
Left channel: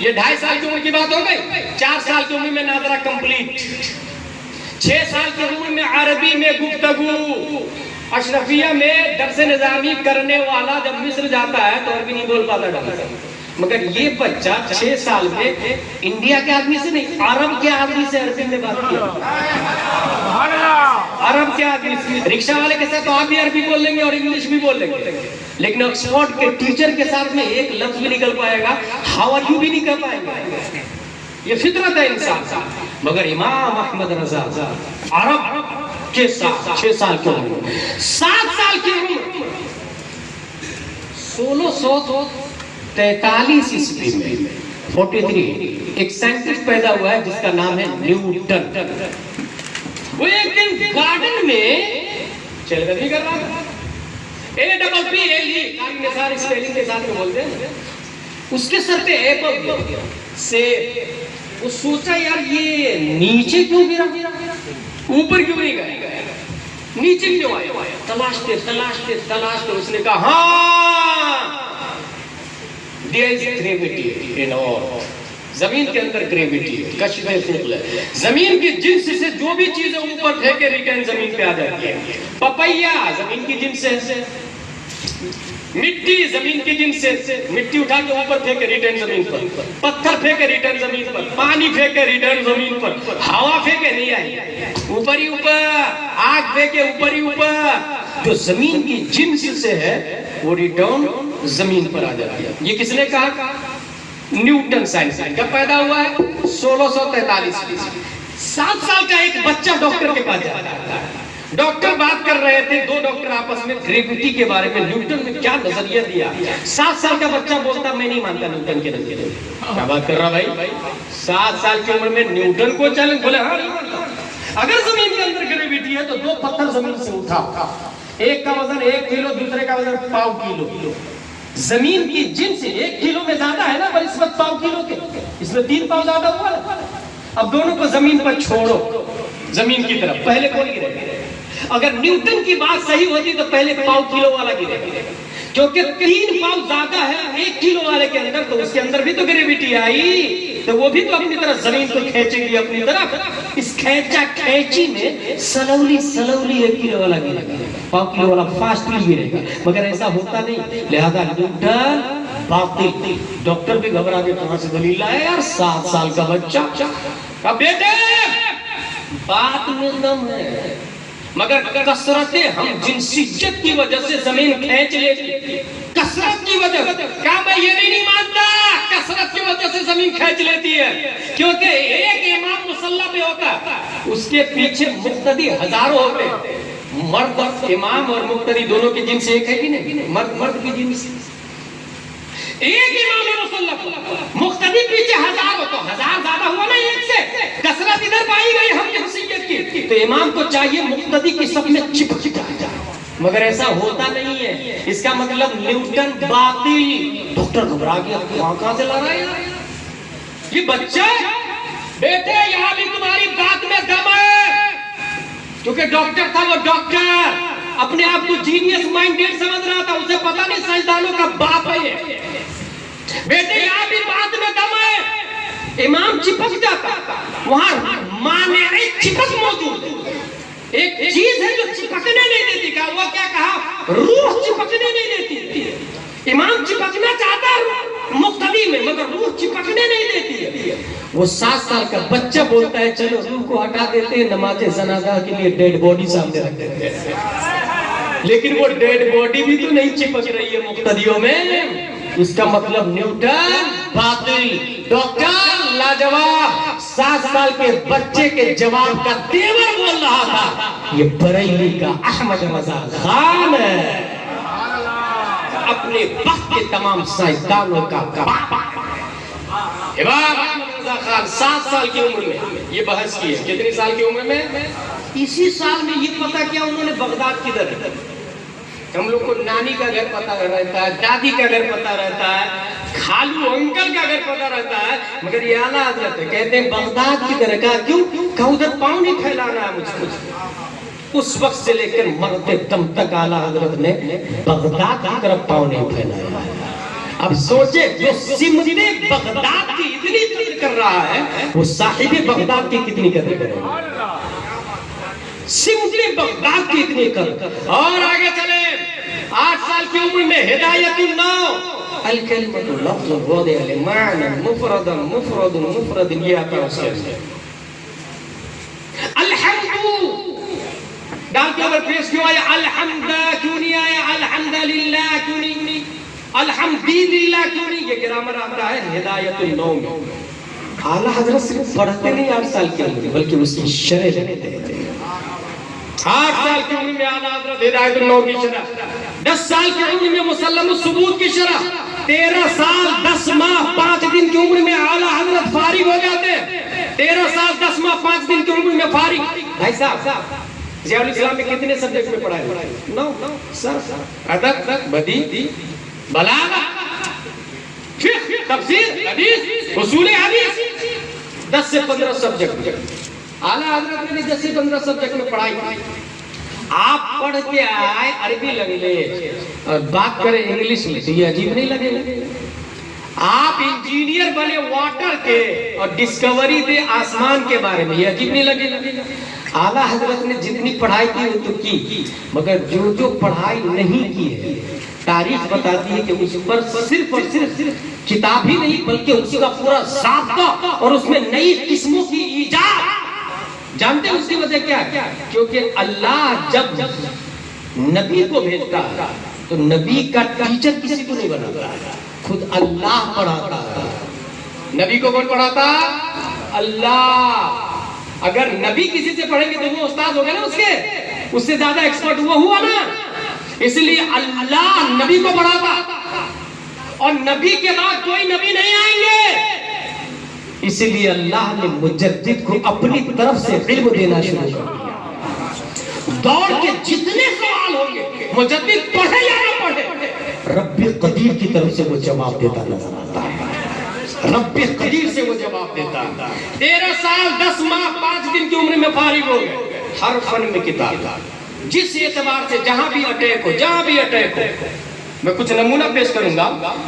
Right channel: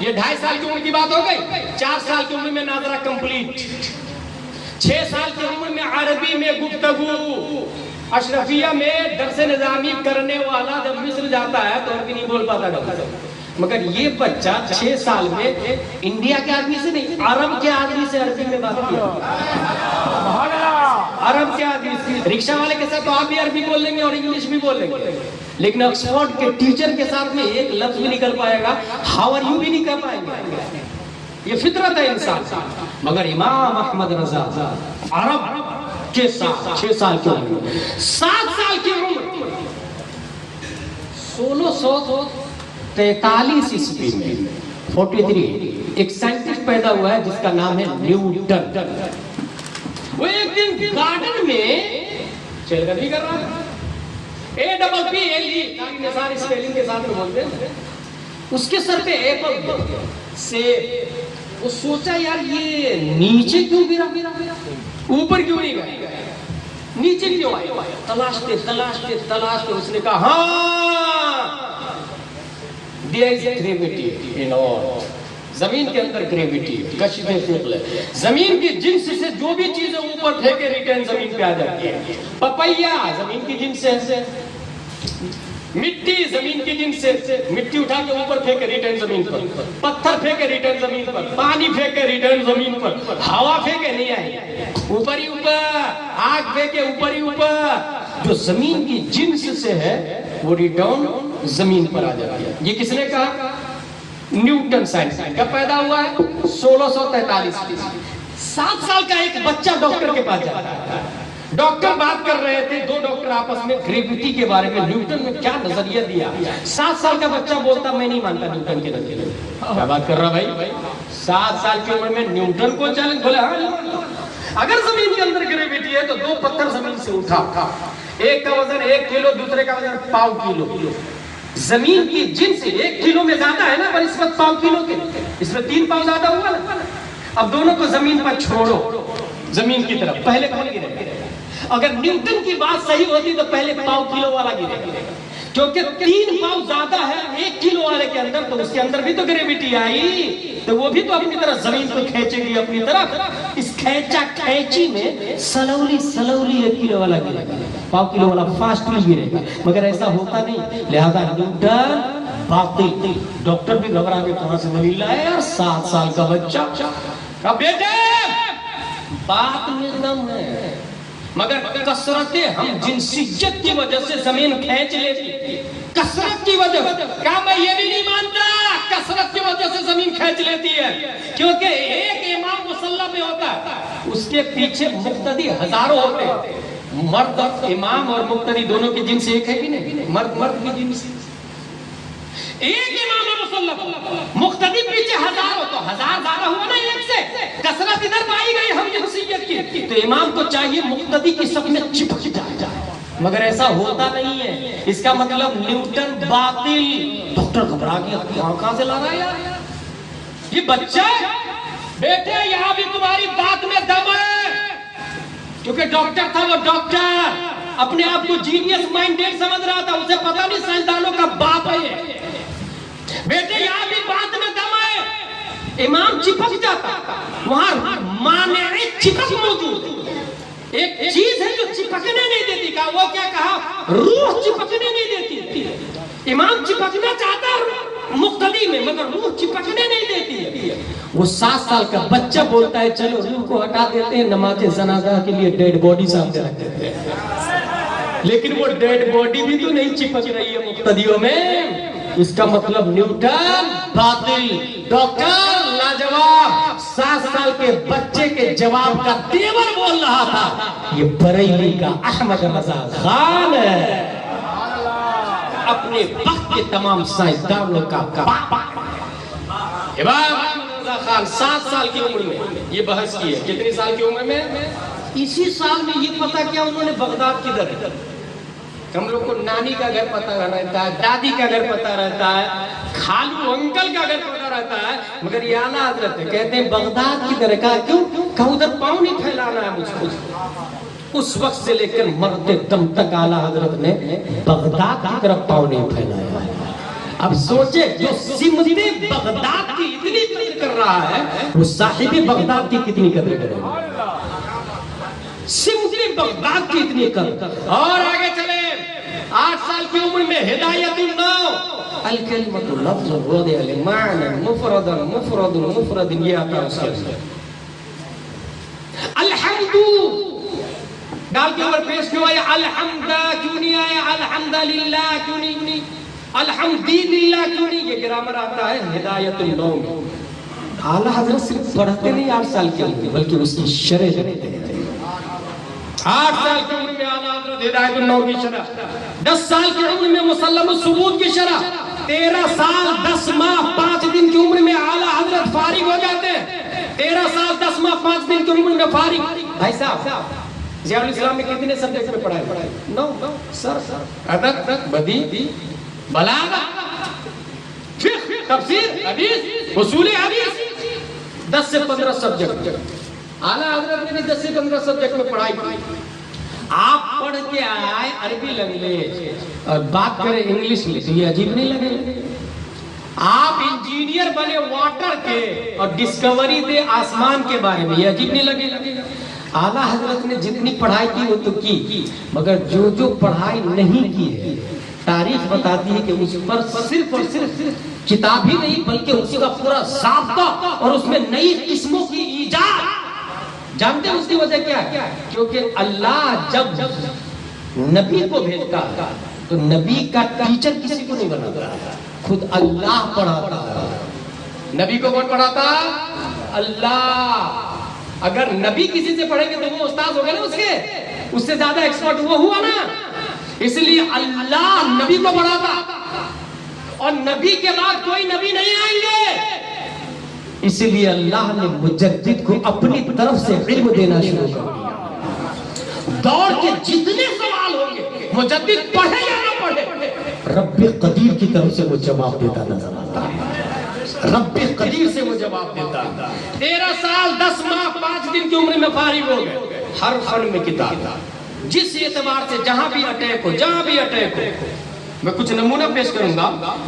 یہ 2.5 سال کی عمر کی بات ہو گئی، 4 سال کی عمر میں ناظرہ کمپلیٹ، 6 سال کی عمر میں عربی میں گفتگو، اشرفیہ میں درس نظامی کرنے والا جب مصر جاتا ہے تو عربی نہیں بول پاتا تھا، مگر یہ بچہ 6 سال میں انڈیا کے آدمی سے نہیں، عرب کے آدمی سے عربی میں بات کیا، عرب کے آدمی سے۔ رکشہ والے کے ساتھ تو آپ بھی عربی بول لیں گے اور انگلش بھی بول لیں گے، لیکن آکسفورڈ کے ٹیچر کے ساتھ میں ایک لفظ بھی نکل پائے گا، ہاؤ آر یو بھی نہیں کہہ پائیں گے، یہ فطرت ہے انسان۔ مگر امام احمد رضا عرب کے ساتھ 6 سال کی عمر، 7 سال کی عمر 1643 عیسوی میں 43 ایک سائنٹسٹ پیدا ہوا ہے جس کا نام ہے نیوٹن۔ وہ ایک دن گارڈن میں چل گزی کر رہا تھا، APPLE ساری اسپیلنگ کے ساتھ بولتے ہیں، اس کے سر پہ ایپل سے وہ سوچا یار یہ نیچے کیوں گرا، اوپر کیوں نہیں گیا، نیچے کیوں آیا؟ تلاشتے اس نے کہا ہاں there is gravity in earth، زمین کے اندر گریویٹی ہے، کشف ثقل ہے، زمین کی جنس سے جو بھی چیزیں اوپر پھینکے ریٹرن زمین پہ آ جاتی ہے۔ پپیا زمین کی جنس سے، مٹی زمین کی جنس سے، مٹی اٹھا کے اوپر پھینکے ریٹرن زمین پر، پتھر پھینکے ریٹرن زمین پر، پانی پھینکے ریٹرن زمین پر، ہوا پھینکے نہیں آئی، اوپر ہی اوپر، آگ پھینکے اوپر ہی اوپر، جو زمین کی جنس سے ہے وہ ریٹرن زمین پر آ جاتی ہے۔ یہ کس نے کہا؟ Newton science. کب پیدا ہوا ہے؟ 1643۔ 7 سال کا ایک بچہ ڈاکٹر کے پاس جاتا ہے، ڈاکٹر بات کر رہے تھے، 2 ڈاکٹر آپس میں گریویٹی کے بارے میں نیوٹن نے کیا نظریہ دیا۔ 7 سال کا بچہ بولتا میں نہیں مانتا نیوٹن کے نظریے، کیا بات کر رہا بھائی، 7 سال کی عمر میں نیوٹن کو چیلنج، بولے ہاں نہیں مانتا۔ اگر زمین کے اندر گریویٹی ہے تو 2 پتھر زمین سے اٹھا، ایک کا وزن 1 کلو، دوسرے کا وزن 1.5 کلو، زمین کی جنس 1 کلو میں زیادہ ہے نا پر اس وقت 1.5 کلو کے، اس میں 3 پاؤں زیادہ ہوا نا۔ اب دونوں کو زمین پر چھوڑو، زمین کی طرف، پہلے کون گرے؟ اگر نیوٹن کی بات صحیح ہوتی تو پہلے 1.5 کلو والا گرے، کیونکہ 3 پاؤں زیادہ ہے 1 کلو والے کے اندر، تو اس کے اندر بھی تو گریویٹی آئی، تو وہ بھی تو اپنی طرف زمین کو کھینچے گی اپنی طرف۔ اس کھینچا کھینچی میں سلولی 1 کلو والا گرے گا، 1.5 کلو والا فاسٹلی گرے گا، مگر ایسا ہوتا نہیں، لہذا نیوٹن باطل۔ ڈاکٹر بھی گھبرا کے کہاں سے دلیل آیا یار، 7 سال کا بچہ۔ اب بیٹے بات میں دم ہے، مگر کثرت ہم جنسیت کی وجہ سے زمین کھینچ لیتی، کثرت کی وجہ سے۔ کعبہ یہ بھی نہیں مانتا کثرت کی وجہ سے زمین کھینچ لیتی ہے، کیونکہ ایک امام مصلی پہ ہوتا ہے، اس کے پیچھے مقتدی ہزاروں ہوتے ہیں۔ مرد امام اور مقتدی دونوں کی جنس ایک ہے کہ نہیں؟ مرد کی جنس ایک امام مصلی، مقتدی پیچھے ہزار ہو، تو ہزار زیادہ ہوا نا ایک سے، کثرت ادھر پائی گئی ہم جنسیت کی، تو امام کو چاہیے مقتدی کی صف میں چپک جائے، مگر ایسا ہوتا نہیں ہے۔ اس کا مطلب نیوٹن باطل۔ ڈاکٹر گھبرا گیا، کہاں سے لا رہا ہے یار یہ بچہ؟ بیٹے یہاں بھی تمہاری بات میں دم ہے، کیونکہ ڈاکٹر تھا وہ، ڈاکٹر اپنے آپ کو جینیس مائنڈیڈ سمجھ رہا تھا، اسے پتا نہیں سائنسدانوں کا باپ ہے۔ بیٹے یہاں بھی بات میں دم ہے، امام چپک جاتا، وہاں مانع چپک موجود ہے، ایک چیز ہے جو چپکنے نہیں دیتی، کہا وہ کیا کہا؟ روح چپکنے نہیں دیتی۔ امام چپکنا چاہتا ہے مقتدی میں، مگر روح چپکنے نہیں دیتی ہے۔ وہ 7 سال کا بچہ بولتا ہے چلو روح کو ہٹا دیتے ہیں، نماز جنازہ کے لیے ڈیڈ باڈی سامنے رکھ دیتے ہیں، لیکن وہ ڈیڈ باڈی بھی تو نہیں چپک رہی ہے مقتدیوں میں۔ اس کا مطلب نیوٹن باطل، ڈاکٹر لاجواب 7 سال کے بچے کے جواب کا تیور بول رہا تھا، یہ بریلی کا احمد رضا خان ہے، اپنے وقت کے تمام سائنسدانوں کا باپ۔ امام احمد رضا خان 7 سال کی عمر میں یہ بحث کی ہے۔ کتنی سال کی عمر میں؟ اسی سال میں یہ پتا کیا انہوں نے بغداد کدھر ہے۔ ہم لوگ کو نانی کا گھر پتا رہتا ہے، دادی کا گھر پتا رہتا ہے، خالو انکل کا گھر پتا رہتا ہے، مگر یہ اعلیٰ حضرت کہتے ہیں بغداد کی طرح کا کیوں؟ کہ ادھر پاؤں نہیں پھیلانا ہے مجھ کو۔ اس وقت سے لے کر مرتے دم تک اعلیٰ حضرت نے بغداد کی طرف پاؤں نہیں پھیلایا۔ اب سوچے جو سمت بغداد کی اتنی قدر کر رہا ہے، وہ صاحب بغداد کی کتنی قدر کرے گا؟ سمت بغداد کی اتنی قدر۔ اور آگے چلے، 8 سال کی عمر میں ہدایت النو، الکلمۃ لفظ وضع لمعنى مفرد مفرد مفرد، یہ آتا ہے اس سے۔ الحمد ڈال کے اوپر پیش کیوں آیا؟ الحمد کیوں نہیں آیا؟ الحمدللہ کیوں نہیں؟ الحمدللہ کیوں نہیں؟ یہ گرامر آتا ہے ہدایت النو میں۔ اعلیٰ حضرت صرف پڑھتے نہیں 8 سال کے عمر، بلکہ اس کی شرح دیتے ہیں۔ 8 سال کی عمر میں اعلیٰ حضرت ہدایت النو کی شرح، 10 سال کی عمر میں مسلم الثبوت کی شرح، 13 سال 10 ماہ 5 دن کی عمر میں اعلیٰ حضرت فارغ ہو جاتے ہیں۔ 13 سال 10 ماہ 5 دن کی عمر میں فارغ۔ بھائی صاحب ضیاء الاسلام میں کتنے سبجیکٹ میں پڑھائے؟ 9 سر، ادب، بدیع، بلاغت، فقہ، تفسیر، حدیث، اصول حدیث، 10 سے 15 سبجیکٹ۔ اعلیٰ حضرت نے بھی 10 سے 15 سبجیکٹ میں پڑھائی۔ آپ پڑھ کے آئے عربی لینگویج اور بات کریں انگلش میں، تو یہ عجیب نہیں لگے؟ آپ انجینئر بنے واٹر کے اور ڈسکوری دے آسمان کے بارے میں، یہ عجیب نہیں لگے؟ اعلیٰ حضرت نے جتنی پڑھائی کی وہ تو کی، مگر جو پڑھائی نہیں کی ہے تاریخ بتاتی ہے کہ اس پر صرف اور صرف کتاب ہی نہیں بلکہ اس کا پورا ضابطہ اور اس میں نئی قسموں کی ایجاد۔ جانتے ہیں اس کی وجہ کیا ہے؟ کیونکہ اللہ جب نبی کو بھیجتا ہے تو نبی کا ٹیچر کسی کو نہیں بناتا، خود اللہ پڑھاتا ہے۔ نبی کو کون پڑھاتا؟ اللہ۔ اگر نبی کسی سے پڑھیں گے تو وہ استاد ہو گئے نا، اس سے زیادہ ایکسپرٹ وہ ہوا نا، اس لیے اللہ نبی کو پڑھاتا، اور نبی کے بعد کوئی نبی نہیں آئیں گے، اس لیے اللہ نے مجدد کو اپنی طرف سے علم دینا شروع کر دیا۔ دوڑ کے جتنے سوال ہوں گے، مجدد پڑھے یا نہ پڑھے، رب قدیر کی طرف سے وہ جواب دیتا نظر آتا ہے، رب قدیر سے وہ جواب دیتا ہے۔ 13 سال 10 ماہ 5 دن کی عمر میں فارغ ہو گئے، ہر فن میں کتاب، جس اعتبار سے جہاں بھی اٹیک ہو، میں کچھ نمونہ پیش کروں گا۔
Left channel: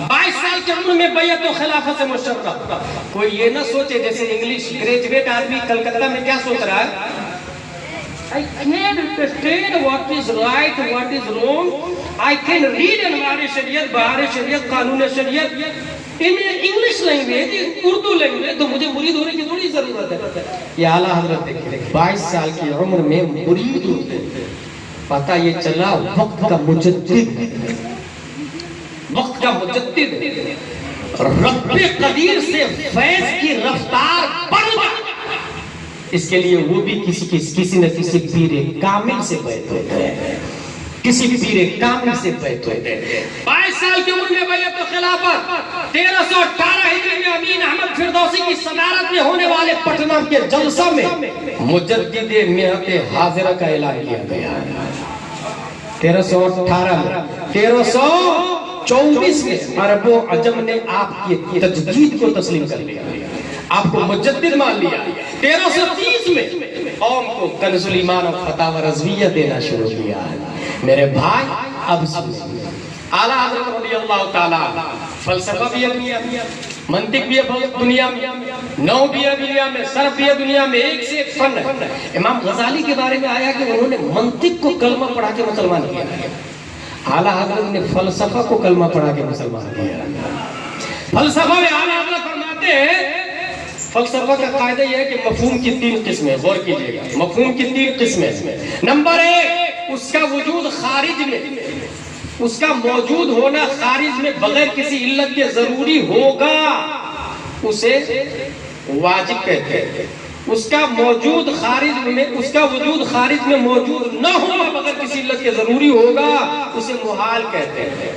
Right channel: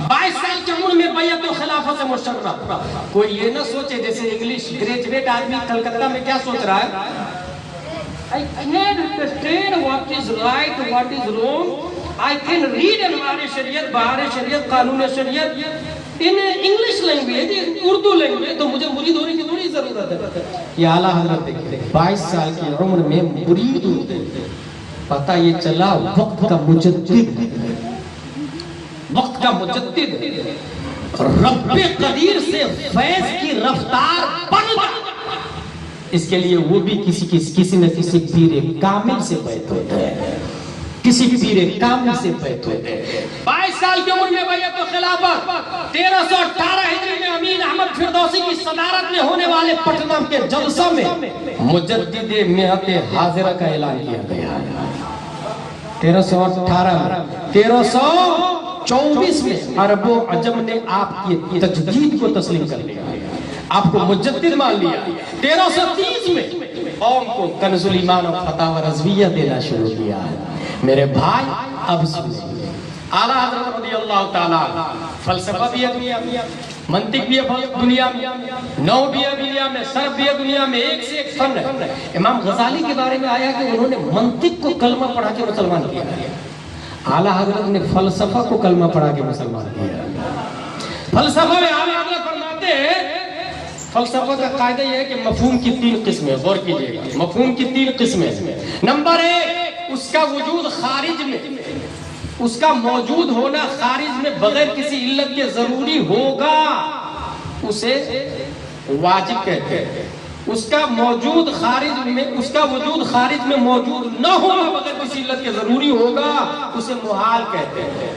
22 سال کی عمر میں بیعت و خلافت سے مشرف۔ کوئی یہ نہ سوچے جیسے انگلش گریجویٹ آدمی کلکتہ میں کیا سوچ رہا ہے، I can't understand what is right, what is wrong. I can read انوار شریعت، بہار شریعت، قانون شریعت، انہیں انگلش لینگویج، اردو لینگویج، تو مجھے مرید ہونے کی تھوڑی ضرورت ہے. یہ اعلیٰ حضرت دیکھیں 22 سال کی عمر میں مرید ہوتے ہیں. پتہ یہ چلا وقت کا مجدد، وقت کا مجدد رب قدیر سے فیض کی رفتار بڑھ گئی. اس کے لیے وہ بھی کسی نہ کسی پیر کامل سے بیعت ہوتے ہیں، کسی پیر کامل سے بیعت ہوتے ہیں. 22 سال کی عمر میں بیعت خلافت، 1318 ہجری میں امین احمد فردوسی کی صدارت میں ہونے والے پٹنہ کے جلسہ میں مجدد مہت حاضرہ کا اعلان کیا گیا. 1318 میں 1324 میں عرب و عجم نے آپ کی تجدید کو تسلیم کر لیا، آپ کو مجدد مان لیا. 1330 میں قوم کو کنز الایمان اور فتاوی رضویہ دینا شروع کیا. میرے بھائی اب سنیں، اعلیٰ حضرت رضی اللہ تعالیٰ فلسفہ بھی ہے دنیا میں، منطق بھی ہے دنیا میں، نو بھی ہے دنیا میں، صرف بھی ہے دنیا میں، ایک سے ایک فن ہے. امام غزالی کے بارے میں آیا کہ انہوں نے منطق کو کلمہ پڑھا کے مسلمان کیا. اعلیٰ حضرت نے فلسفہ کو کلمہ پڑھا کے مسلمان کیا. فلسفہ میں اعلیٰ حضرت فرماتے ہیں، فلسفہ کا قاعدہ یہ ہے کہ مفہوم کی 3 قسمیں، غور کیجئے گا، مفہوم کی 3 قسمیں. نمبر 1، اس کا وجود خارج میں، اس کا موجود ہونا خارج میں بغیر کسی علت کے ضروری ہوگا، اسے واجب کہتے ہیں. اس کا موجود خارج میں، اس کا وجود خارج میں موجود نہ ہونا بغیر کسی علت کے ضروری ہوگا، اسے محال کہتے ہیں.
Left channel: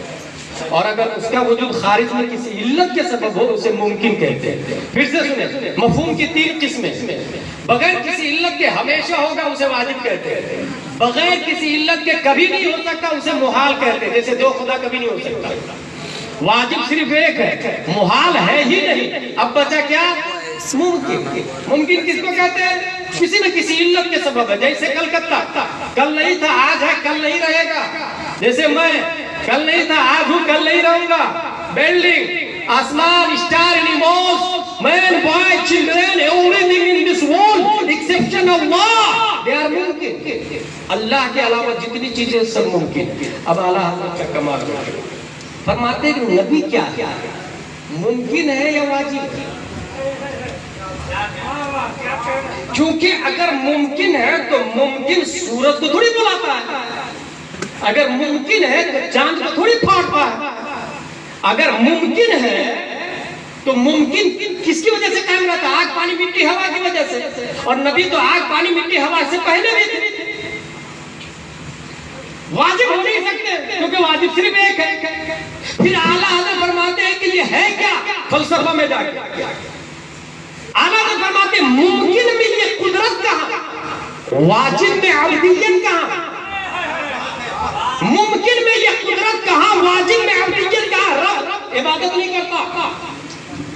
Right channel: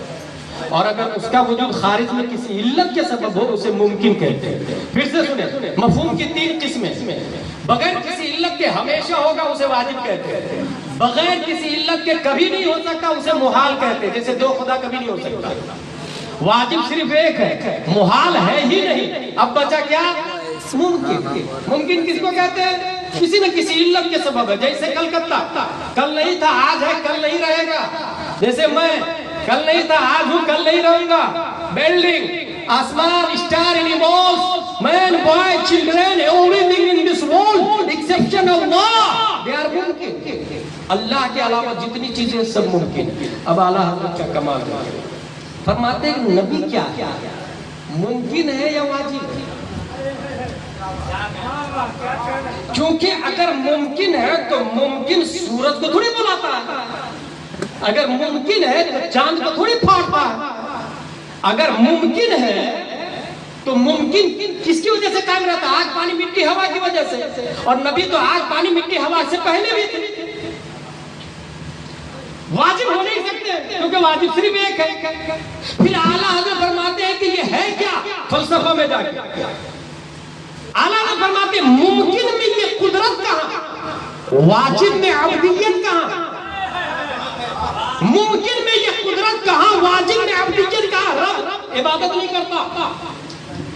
اور اگر اس کا وجود خارج میں کسی علت کے سبب ہو اسے ممکن کہتے ہیں. پھر سے سنیں، مفہوم کی 3 قسمیں. بغیر کسی علت کے ہمیشہ ہوگا اسے واجب کہتے ہیں، بغیر کسی علت کے کبھی نہیں ہو سکتا اسے محال کہتے ہیں. جیسے 2 خدا کبھی نہیں ہو سکتا، واجب صرف ایک ہے، محال ہے ہی نہیں. اب بچا کیا؟ ممکن. ممکن کس کو کہتے ہیں؟ کسی نہ کسی علت کے سبب ہے. جیسے کلکتہ کل نہیں تھا، آج ہے، کل نہیں رہے گا. جیسے میں کل نہیں تھا، آج ہوں، کل نہیں رہوں گا. بلڈنگ، آسمان، star, animals, man, boy, children, everything in this world exception of Allah, they are ممکن. اللہ کے علاوہ جتنی چیزیں سب ممکن. اب اعلیٰ حضرت کا کمال ہے، فرماتے ہیں نبی کیا ہے، ممکن ہے یا واجب؟ کیونکہ اگر ممکن ہے تو ممکن سورج کو تھوڑی بلاتا ہے، اگر ممکن ہے تو چاند کو تھوڑی پھاڑتا ہے. اگر ممکن ہے تو ممکن کس کی وجہ سے قائم رہتا ہے؟ آگ، پانی، مٹی، ہوا کی وجہ سے. اور نبی تو آگ، پانی، مٹی، ہوا سے پہلے بھی تھے. واجب ہو نہیں سکتے کیونکہ واجب صرف ایک ہے. پھر اعلیٰ حضرت فرماتے ہیں کہ یہ ہے کیا؟ فلسفہ میں جا کے اعلیٰ حضرت فرماتے ہیں ممکن میں یہ قدرت کہاں، واجب میں عبدیت کہاں؟ ممکن میں یہ قدرت کہاں، واجب میں عبدیت کہاں؟ رب عبادت نہیں کرتا،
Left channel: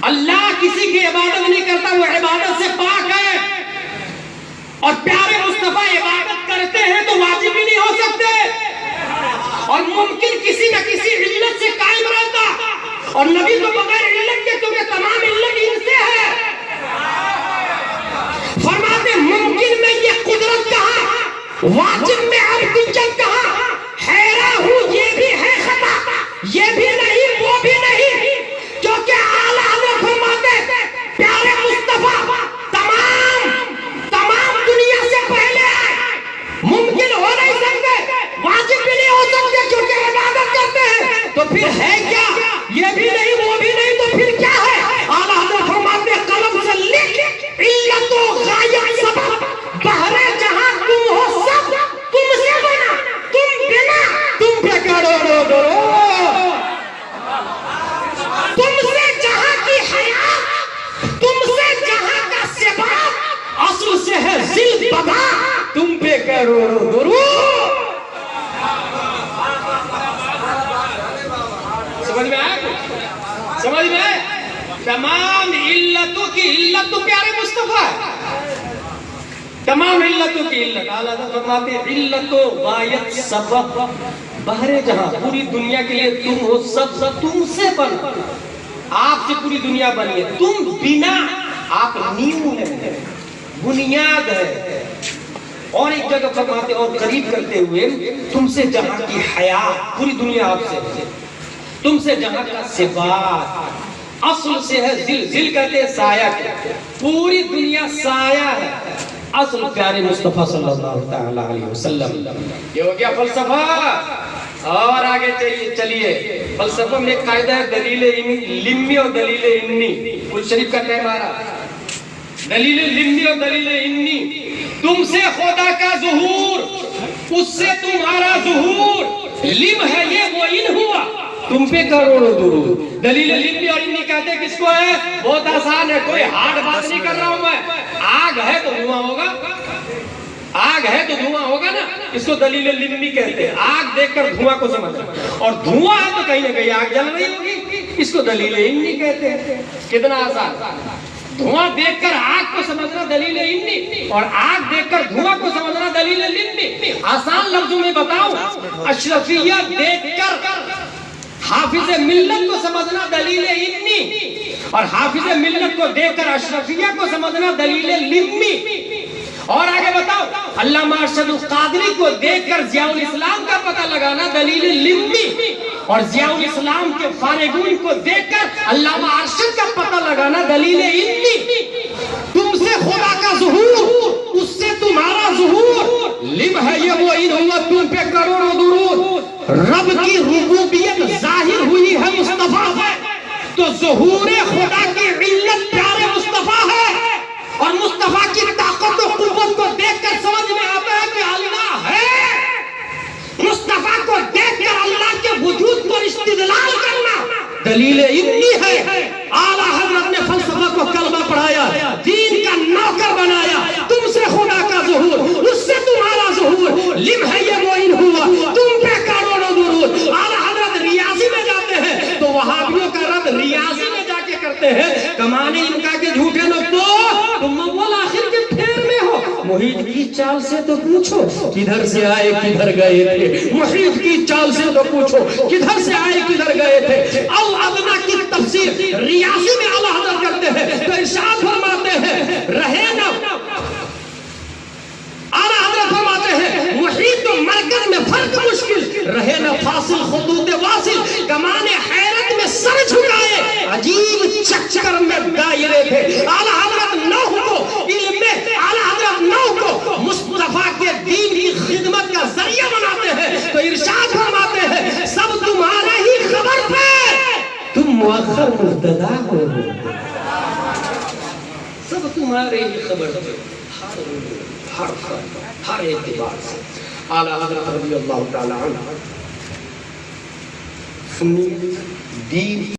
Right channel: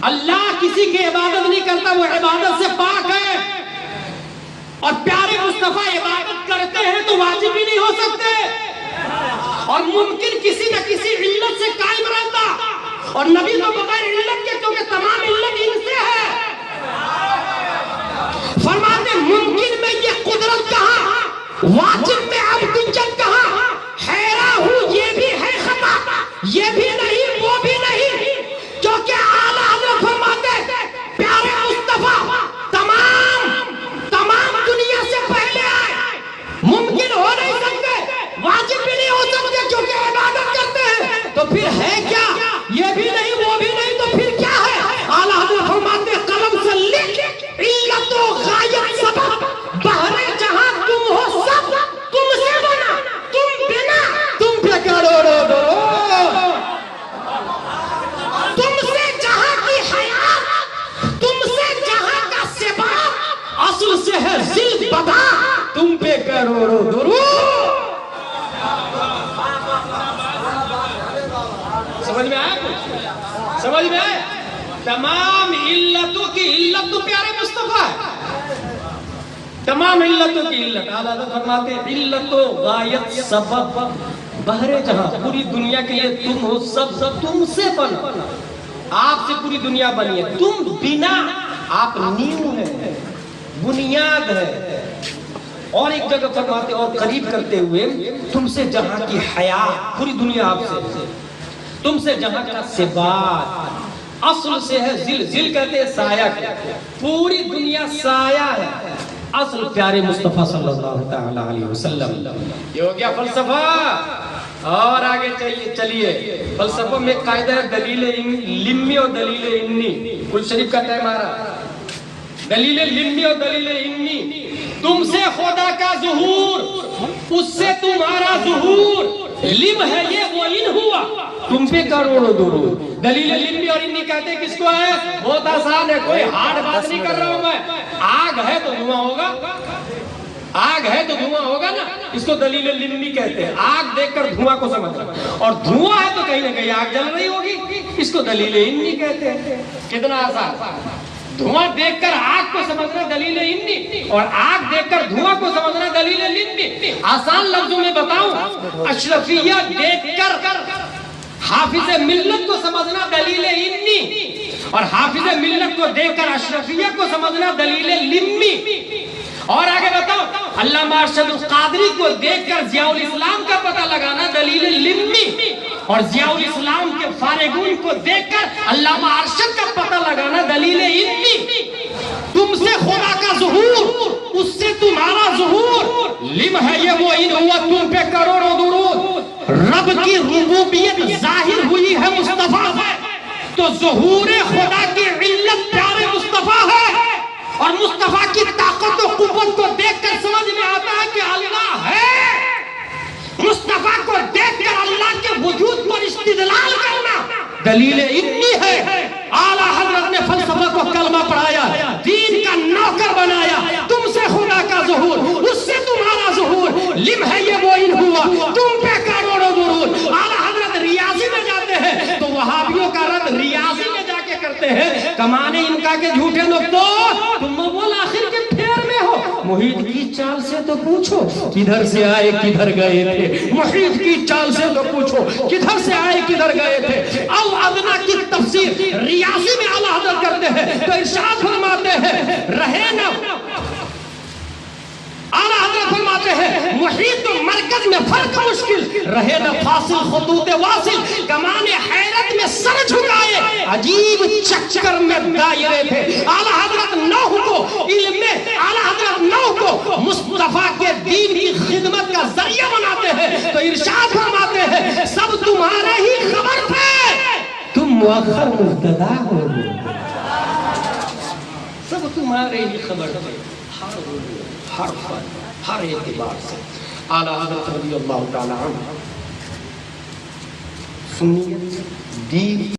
اللہ کسی کی عبادت نہیں کرتا، وہ عبادت سے پاک ہے. اور پیارے مصطفیٰ عبادت کرتے ہیں تو واجب بھی نہیں ہو سکتے. اور ممکن کسی نہ کسی علت سے قائم رہتا، اور نبی تو بغیر علت کے، کیونکہ تمام علت ان سے ہے. فرماتے ممکن میں یہ قدرت کہاں، واجب میں عبدیت کہاں؟ حیران ہوں، یہ بھی ہے خطا، یہ بھی نہیں، وہ بھی نہیں. کیونکہ اعلیٰ حضرت فرماتے پیارے مصطفیٰ تمام دنیا سے پہلے آئے، ممکن ہو نہیں سکتے، واجب بھی نہیں ہو سکتے کیونکہ عبادت کرتے ہیں. تو پھر ہے کیا؟ یہ بھی نہیں، وہ بھی نہیں، تو پھر کیا ہے؟ اعلیٰ حضرت فرماتے قلم سے لکھ، علت و غایت سبب، بحر جہاں تم ہو سب تم سے بنا، تم بنا تم پہ کروڑوں درود. تم سے جہاں کی حیات، تم سے جہاں کا سباب، اصل سے ہے ذل بدا، تم پہ کروڑوں درود. سمجھ میں آئے؟ سمجھ میں آئے؟ تمام علتوں کی علت تو پیارے مصطفیٰ ہے، تمام علتوں کی علت. اعلیٰ حضرت فرماتے ہیں علت و غایت سبب، بحر جہاں، پوری دنیا کے لیے تم ہو سب، تم سے بنا، آپ سے پوری دنیا بنی ہے. تم بنا، آپ نیو ہے، بنیاد ہے. اور ایک جگہ فرماتے اور قریب کرتے ہوئے تم سے جہاں کی حیات، پوری دنیا آپ سے، تم سے جہاں کا ثبات، اصل سے ہے ذل، ذل کہتے ہیں سایہ کے، پوری دنیا سایہ ہے، اصل پیارے مصطفیٰ صلی اللہ تعالی علیہ وسلم۔ یہ ہو گیا فلسفہ، اور آگے چلیے، فلسفہ میں قاعدہ ہے دلیل لمی اور دلیل انی۔ کل شریف کا ٹائم آ رہا، دلیل لمی اور دلیل انی، تم سے خدا کا ظہور، اس سے تمہارا ظہور، لم ہے یہ وہ ان ہوا، تم پہ کروڑوں درود۔ دلیل لمی اور انی کہتے ہیں کس کو ہے؟ بہت آسان ہے، کوئی ہارڈ بات نہیں کر رہا ہوں میں۔ آگ ہے تو دھواں ہوگا، آگ ہے تو دھواں ہوگا نا، اس کو دلیل لمی کہتے ہیں۔ آگ دیکھ کر دھواں کو سمجھنا، اور دھواں ہے تو کہیں نہ کہیں آگ جل رہی ہوگی، اس کو دلیل انی کہتے ہیں۔ کتنا آسان، دھواں دیکھ کر آگ کو سمجھنا دلیل انی، اور آگ دیکھ کر دھواں کو سمجھنا دلیل لمی۔ آسان لفظوں میں بتاؤں، اشرفیہ دیکھ کر حافظ ملت کو سمجھنا دلیل انی، اور حافظ ملت کو دیکھ کر اشرفیہ کو سمجھنا دلیل لمی۔ اور آگے بتاؤ، علامہ ارشد القادری کو دیکھ کر ضیاء الاسلام کا پتہ لگانا دلیل لمی، اور ضیاء الاسلام کے فارغون کو دیکھ کر علامہ ارشد کا پتہ لگانا دلیل انی۔ تم سے خدا کا ظہور، اس سے تمہارا ظہور، لم ہے یہ وہ ان ہوا، تم پہ کروڑوں درود۔ رب کی ربوبیت ظاہر ہوئی ہے مصطفیٰ ہے، تو ظہور خدا کی علت پیارے مصطفیٰ ہے، اور مصطفیٰ کی طاقت و قوت کو دیکھ کر سمجھ میں آتا ہے کہ اللہ ہے۔ مصطفیٰ کو دیکھ کر اللہ کے وجود پر استدلال کرنا دلیل انی ہے۔ اعلیٰ حضرت نے فلسفہ کو کلمہ پڑھایا، دین کا نوکر بنایا۔ تم سے خدا کا ظہور، اس سے تمہارا ظہور، لم ہے یہ وہ ان ہوا، تم پہ کروڑوں درود۔ اعلیٰ حضرت ریاضی میں جاتے ہیں تو وہابیوں کا رد ریاضی میں جا کے کرتے ہیں، کمانے ان کا کے جھوٹے لوگ تو تم مول آخر کے پھیر میں ہو۔ محیط کی چال سے تو پوچھو کدھر سے آئے کدھر گئے تھے، محیط کی چال سے تو پوچھو کدھر سے آئے کدھر گئے تھے۔ او ادنا کی تفسیر ریاضی میں اعلیٰ حضرت کرتے ہیں تو ارشاد فرماتے ہیں رہے نا، اعلیٰ حضرت فرماتے ہیں محیط و مرکز میں فرق مشکل، رہے نہ فاصل خطوط واصل، کمانے حیرت میں سر جھکائے، عجیب چکر میں دائرے تھے۔ اعلیٰ حضرت نوح کو علم میں، اعلیٰ حضرت نوح کو مصطفیٰ کے دین کی خدمت کا ذریعہ بناتے ہیں تو ارشاد فرماتے ہیں سب تمہارے ہی خبر تھے، تم مؤخر مبتدا ہو، سب تمہارے ہی خبر تھے، ہر اعتبار سے۔ اعلیٰ حضرت رضی اللہ تعالی عنہ سنی دین